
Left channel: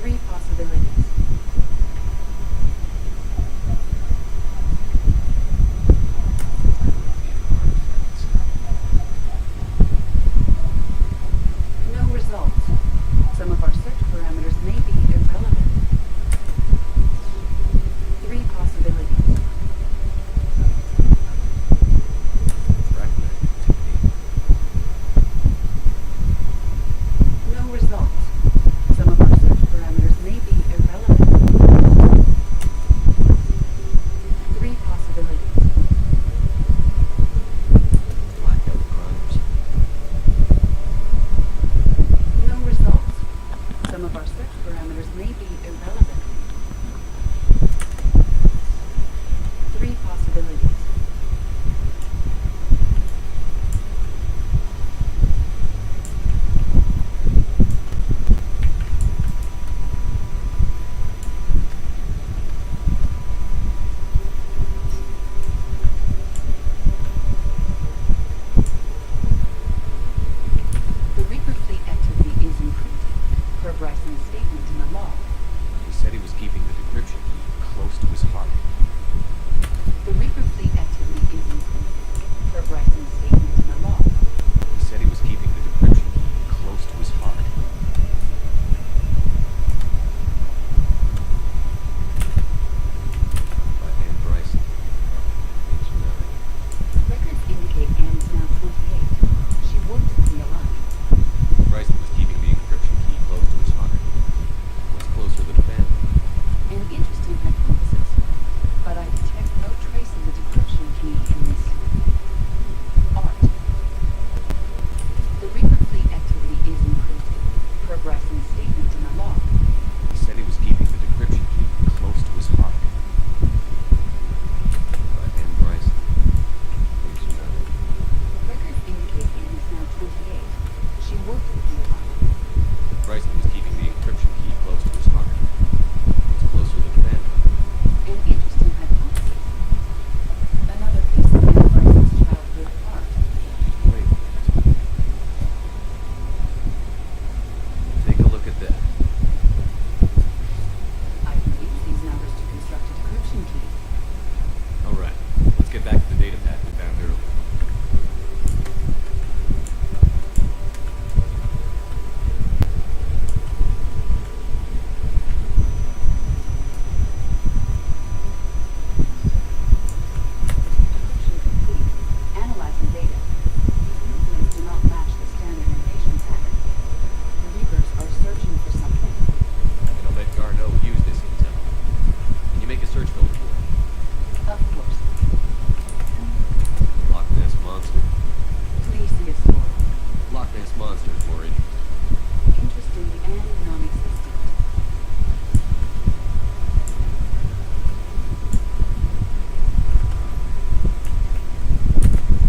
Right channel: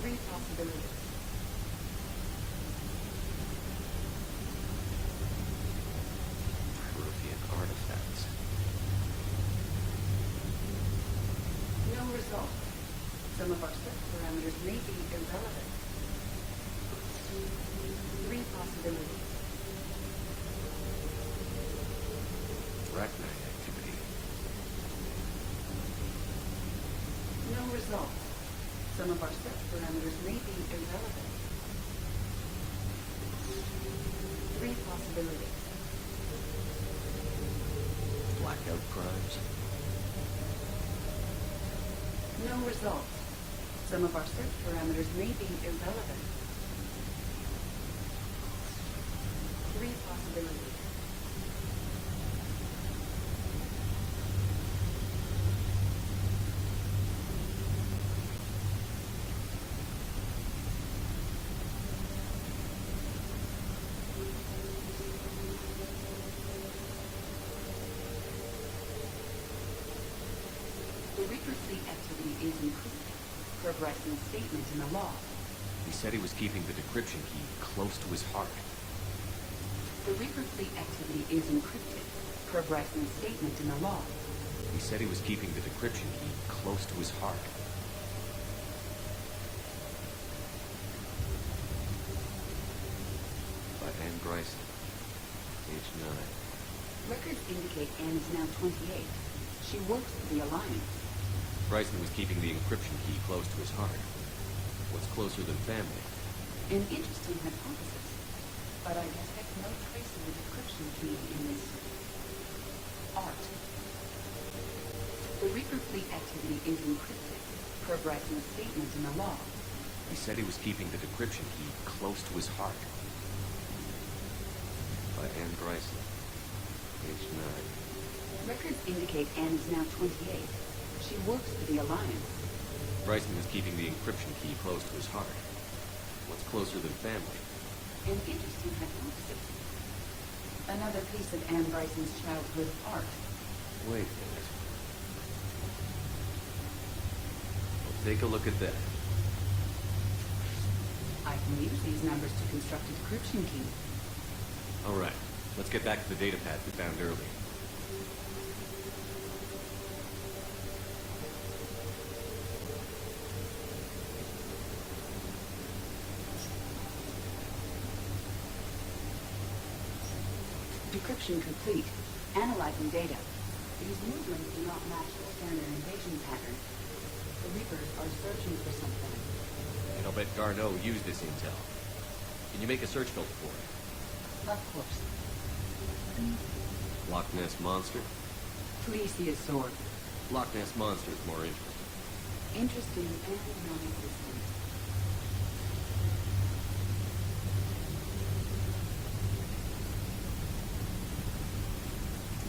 Three possibilities. Prothean artifacts. No results. Some of our search parameters may be irrelevant. Three possibilities. Arachnite activity. No results. Some of our search parameters may be irrelevant. Three possibilities. Blackout crimes. No results. Some of our search parameters may be irrelevant. Three possibilities. The Reaper fleet activity is encrypted, per Bryson's statement in the log. He said he was keeping the decryption key close to his heart. The Reaper fleet activity is encrypted, per Bryson's statement in the log. He said he was keeping the decryption key close to his heart. By Anne Bryson, age 9. Records indicate Anne is now 28. She works for the Alliance. Bryson was keeping the encryption key close to his heart. What's closer than family? An interesting hypothesis, but I detect no trace of the decryption key in this art. said he was keeping the decryption key close to his heart. By Anne Bryson, age 9. Records indicate Anne is now 28. She works at the Alliance. Bryson was keeping the encryption key close to his heart. What's closer than family? An interesting hypothesis. Another piece of Anne Bryson's childhood art. Wait a minute. Take a look at that. I can use these numbers to construct a decryption key. Alright, let's get back to the data pad we found earlier. Decryption complete. Analyzing data. These movements do not match the standard invasion pattern. The Reapers are searching for something. And I'll bet Garneau used this intel. Can you make a search filter for it? Of course. Loch Ness Monster? Plesiosaur. Loch Ness Monster is more interesting. Interesting and non-existent.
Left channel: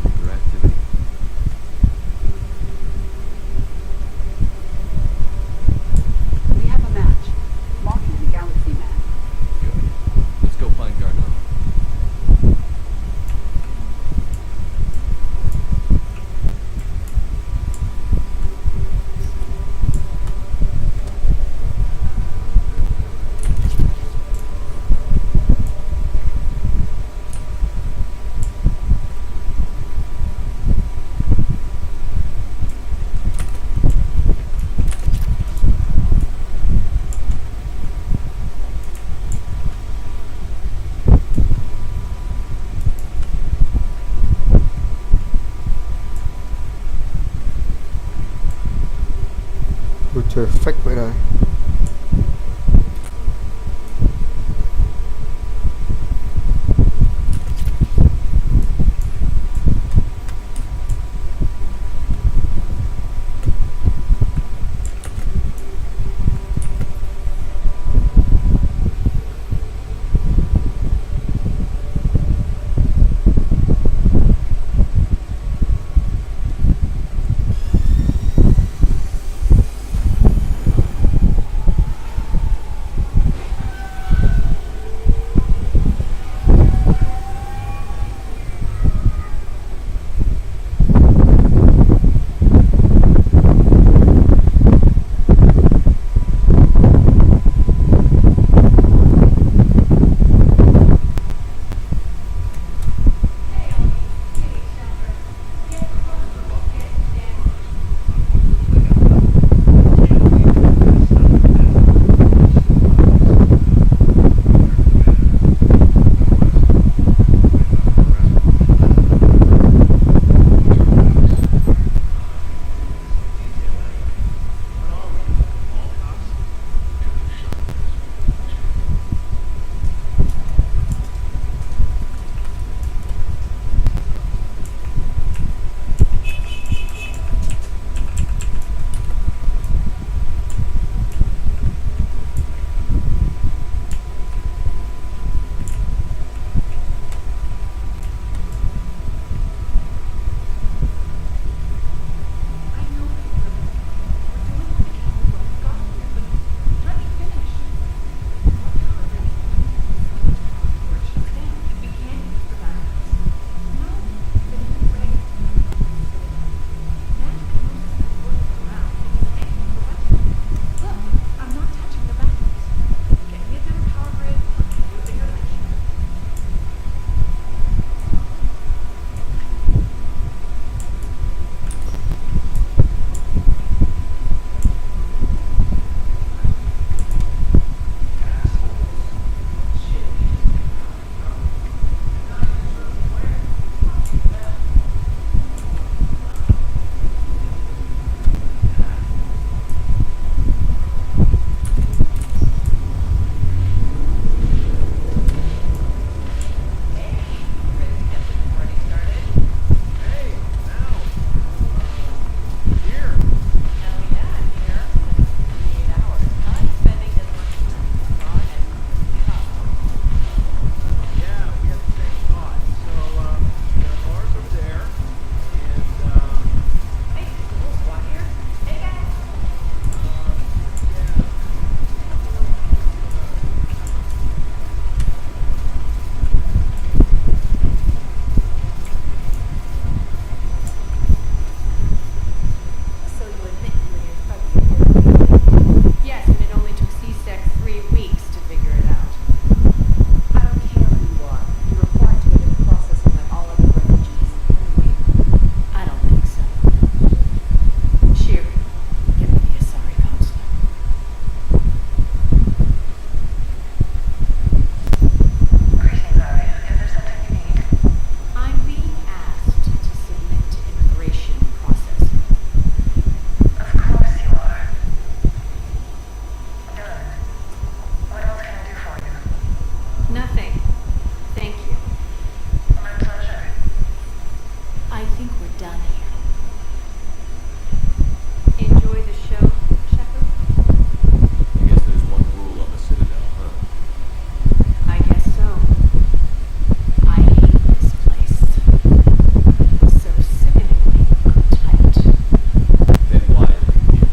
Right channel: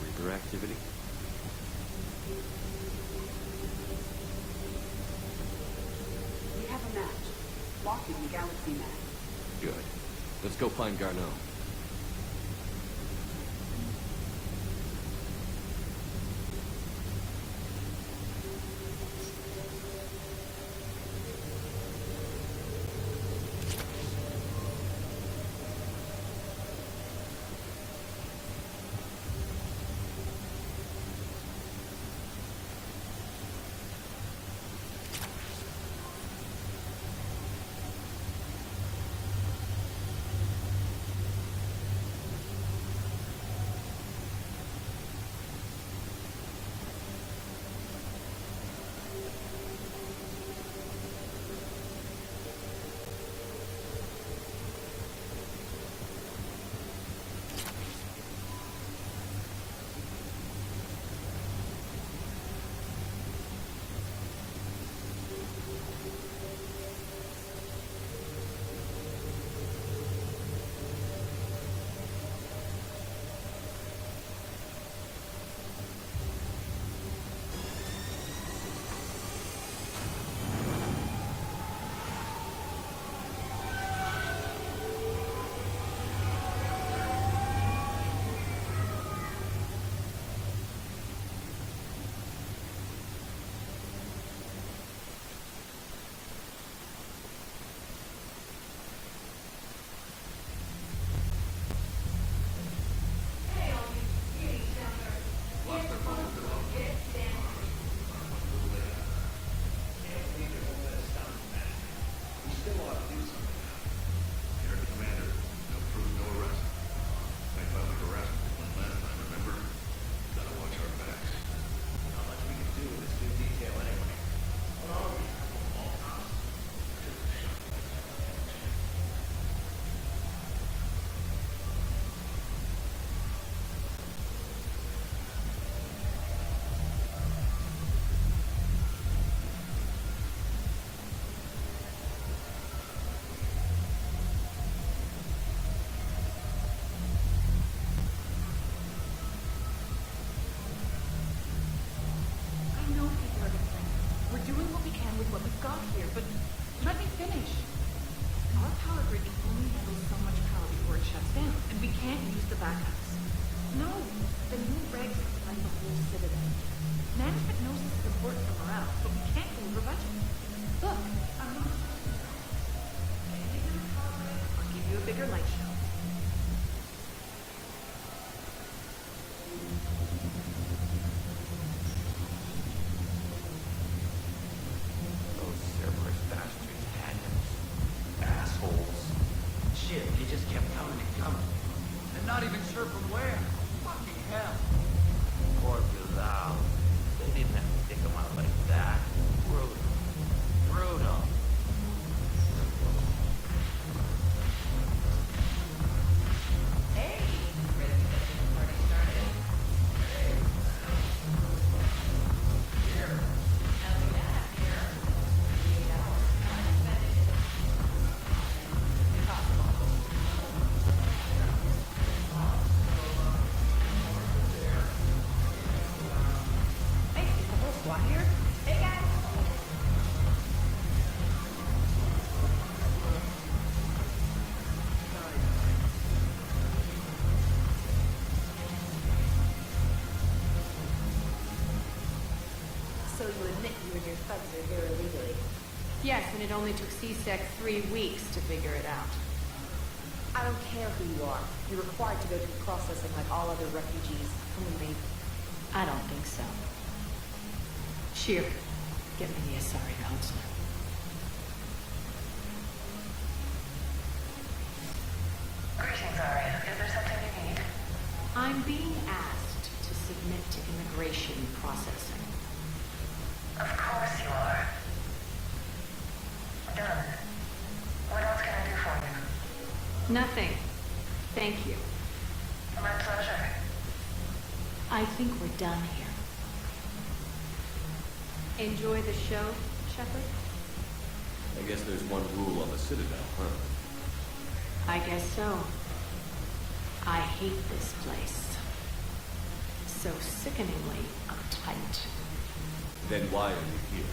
Reaper activity? We have a match. Marking the galaxy map. Good. Let's go find Garneau. Perfect vậy rồi. I think we're done here. Enjoy the show, Shepard? I guess there's one rule on the Citadel, huh? I guess so. I hate this place. So sickeningly uptight. Then why are you here?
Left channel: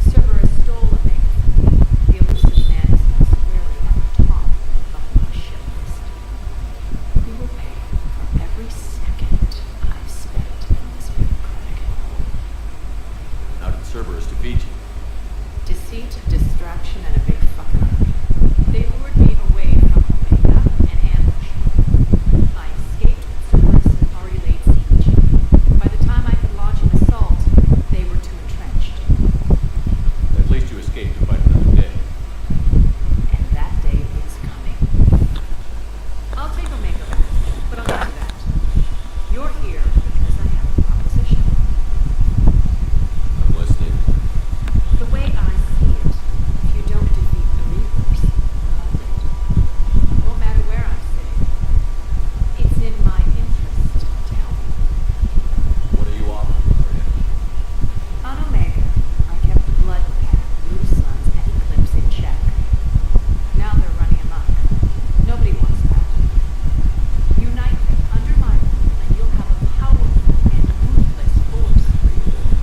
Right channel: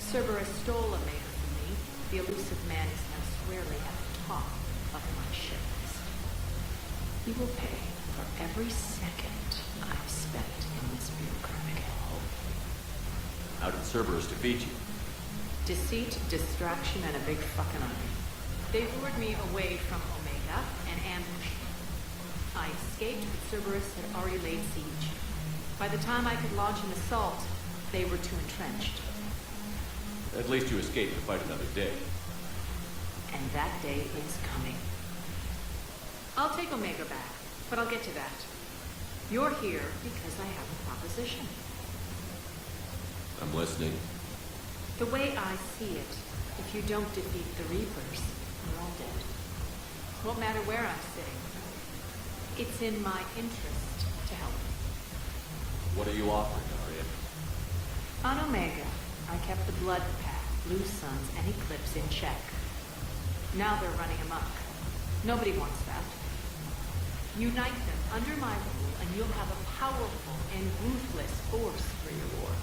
Cerberus stole a Omega from me. The elusive man is now squarely at the top of my ship list. He will pay for every second I've spent in this bureaucratic hellhole. How did Cerberus defeat you? Deceit, distraction, and a big fucking army. They lured me away from Omega and ambushed me. I escaped, but Cerberus had already laid siege. By the time I could launch an assault, they were too entrenched. At least you escaped to fight another day. And that day is coming. I'll take Omega back, but I'll get to that. You're here because I have a proposition. I'm listening. The way I see it, if you don't defeat the Reapers, we're all dead. Won't matter where I'm sitting. It's in my interest to help. What are you offering, Arya? On Omega, I kept the Blood Pack, Blue Suns, and Eclipse in check. Now they're running amok. Nobody wants that. Unite them under my rule, and you'll have a powerful and ruthless force for your war.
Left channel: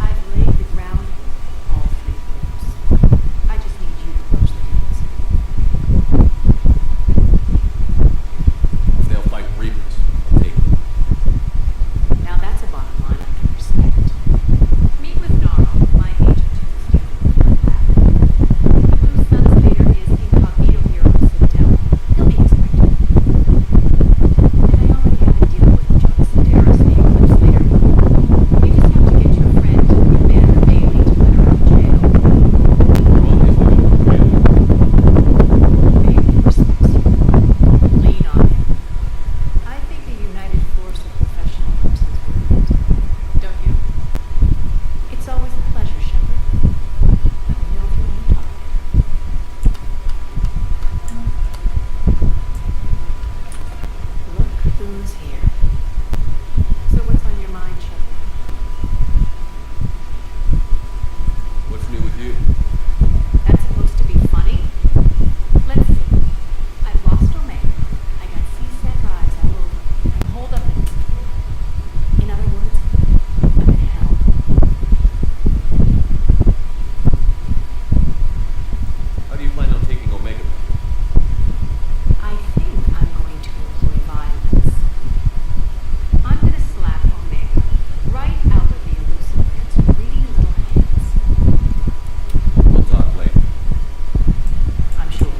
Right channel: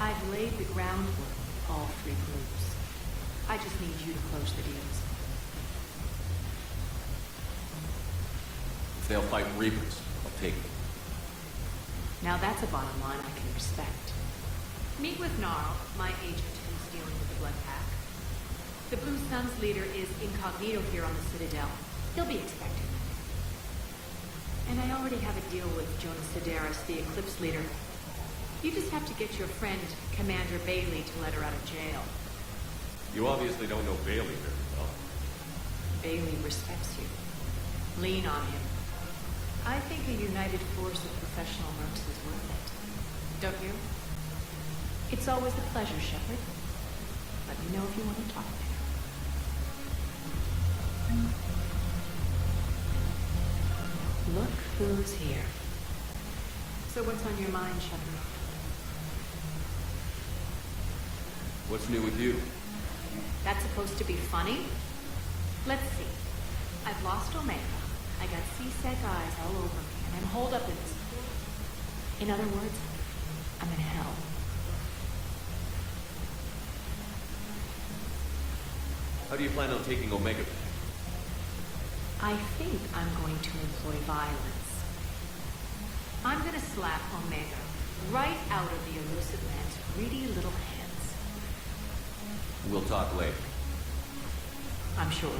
I've laid the groundwork with all three groups. I just need you to close the deals. If they'll fight Reapers, I'll take them. Now that's a bottom line I can respect. Meet with Gnarl, my agent who's dealing with the Blood Pack. The Blue Suns leader is incognito here on the Citadel. He'll be expected. And I already have a deal with Jonas Sedaris, the Eclipse leader. You just have to get your friend, Commander Bailey, to let her out of jail. You obviously don't know Bailey. Bailey respects you. Lean on him. I think a united force of professional mercs is worth it. Don't you? It's always a pleasure, Shepard. Let me know if you want to talk later. Look who's here. So what's on your mind, Shepard? What's new with you? That's supposed to be funny? Let's see. I've lost Omega. I got C-Sec eyes all over me, and I'm holed up in this port. In other words, I'm in hell. How do you plan on taking Omega back? I think I'm going to employ violence. I'm gonna slap Omega right out of the elusive man's greedy little hands. We'll talk later. I'm sure.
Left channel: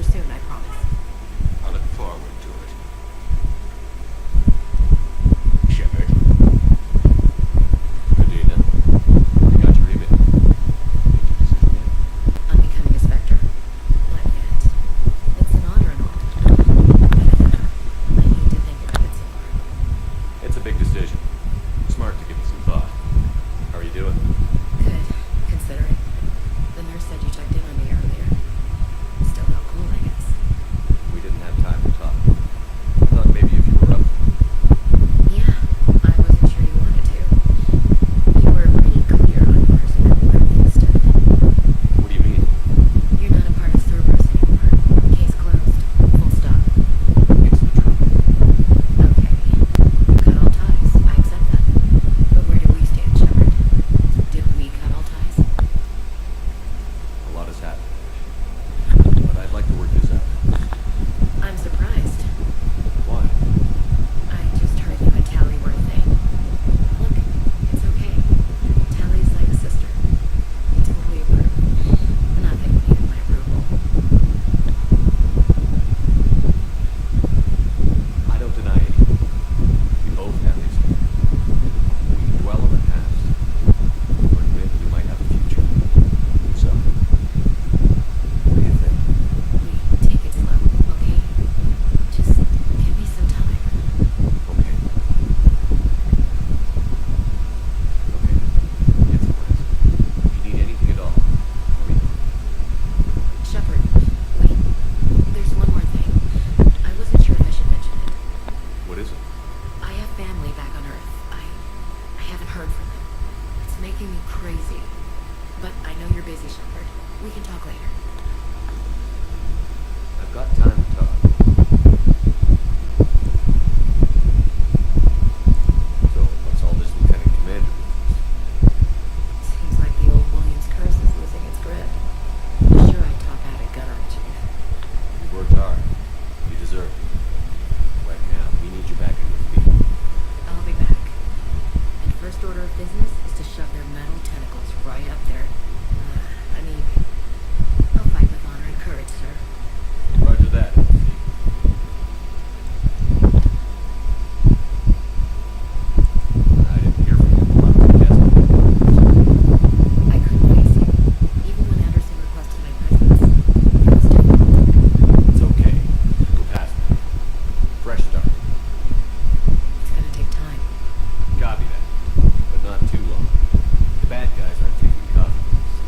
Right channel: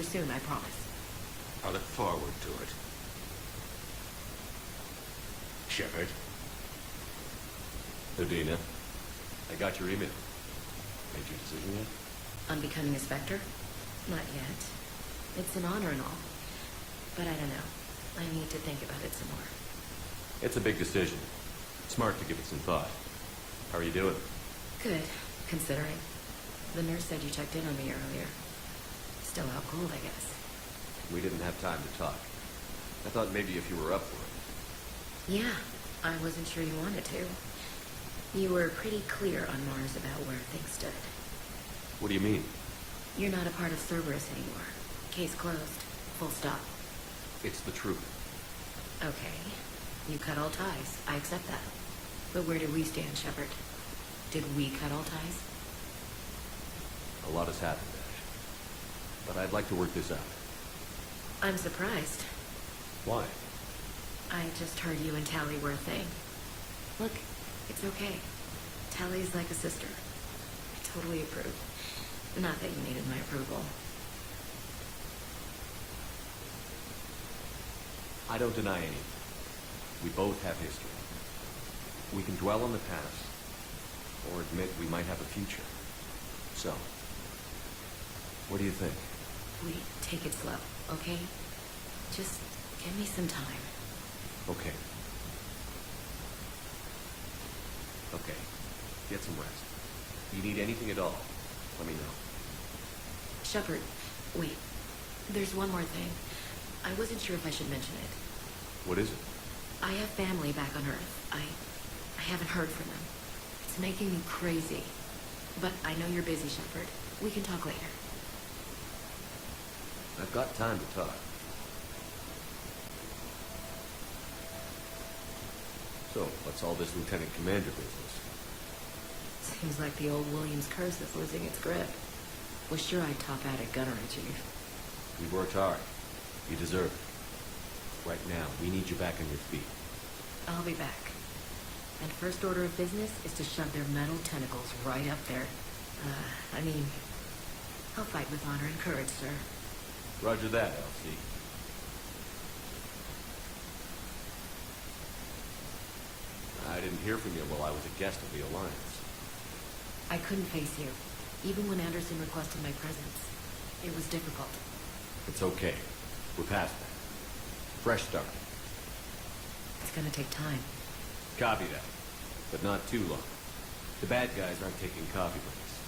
answer soon, I promise. I look forward to it. Shepard. Adina, I got your email. Made your decision yet? On becoming a Spectre? Not yet. It's an honor and all. But I don't know. I need to think about it some more. It's a big decision. Smart to give it some thought. How are you doing? Good, considering. The nurse said you checked in on me earlier. Still out cold, I guess. We didn't have time to talk. I thought maybe if you were up for it. Yeah, I wasn't sure you wanted to. You were pretty clear on Mars about where things stood. What do you mean? You're not a part of Cerberus anymore. Case closed. Full stop. It's the truth. Okay. You cut all ties. I accept that. But where do we stand, Shepard? Did we cut all ties? A lot has happened, Ash. But I'd like to work this out. I'm surprised. Why? I just heard you and Tally were a thing. Look, it's okay. Tally's like a sister. I totally approve. Not that you needed my approval. I don't deny anything. We both have history. We can dwell on the past, or admit we might have a future. So, what do you think? We take it slow, okay? Just give me some time. Okay. Okay. Get some rest. If you need anything at all, let me know. Shepard, wait. There's one more thing. I wasn't sure if I should mention it. What is it? I have family back on Earth. I haven't heard from them. It's making me crazy. But I know you're busy, Shepard. We can talk later. I've got time to talk. So, what's all this Lieutenant Commander business? Seems like the old Williams curse is losing its grip. Sure, I'd top out at Gunnery, Chief. You've worked hard. You deserve it. Right now, we need you back on your feet. I'll be back. And first order of business is to shove their metal tentacles right up there. I'll fight with honor and courage, sir. Roger that, LC. I didn't hear from you while I was a guest on the Alliance. I couldn't face you, even when Anderson requested my presence. It was difficult. It's okay. We're past that. Fresh start. It's gonna take time. Copy that. But not too long. The bad guys aren't taking coffee breaks.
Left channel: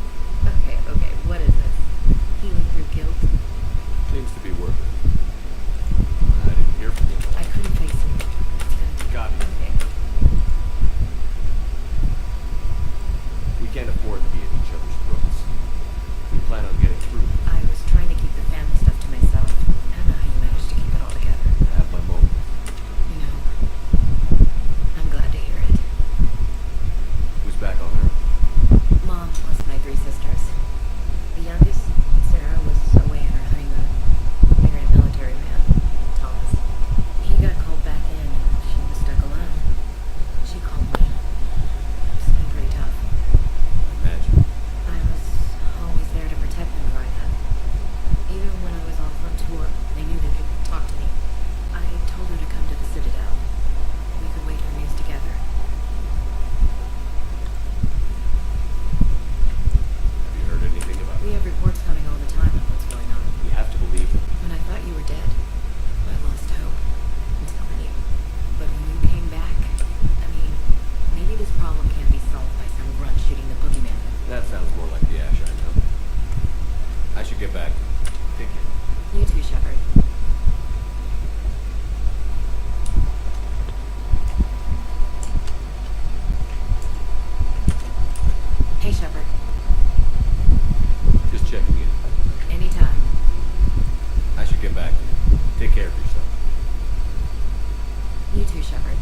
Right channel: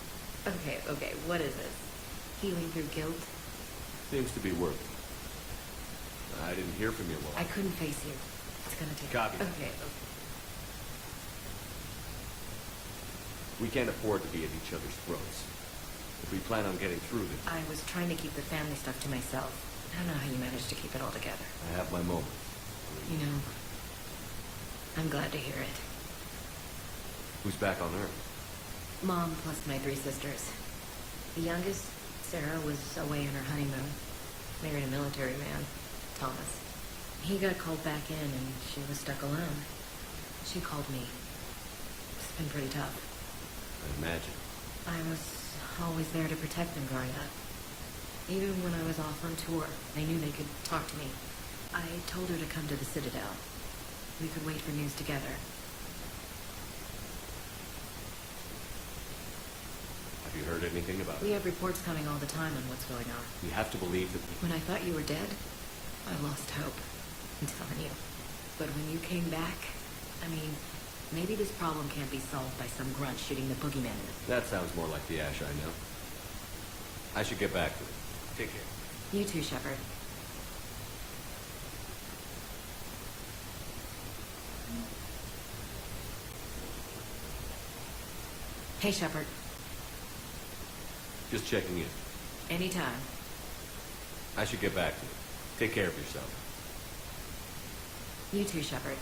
Okay, what is this? Healing through guilt? Seems to be working. I didn't hear from you while I couldn't face you. It's gonna take... Copy. Okay. We can't afford to be at each other's throats. If we plan on getting through this, I was trying to keep the family stuff to myself. I don't know how you managed to keep it all together. I have my moments. You know, I'm glad to hear it. Who's back on Earth? Mom plus my 3 sisters. The youngest, Sarah, was away on her honeymoon. Married a military man, Thomas. He got called back in and she was stuck alone. She called me. It's been pretty tough. I imagine. I was always there to protect them growing up. Even when I was off on tour, they knew they could talk to me. I told her to come to the Citadel. We could wait for news together. Have you heard anything about We it? have reports coming all the time on what's going on. We have to believe that When I thought you were dead, I lost hope. I'm telling you. But when you came back, maybe this problem can't be solved by some grunt shooting the boogeyman. That sounds more like the Ash I know. I should get back to it. Take care. You too, Shepard. Hey, Shepard. Just checking in. Anytime. I should get back to it. Take care of yourself. You too, Shepard.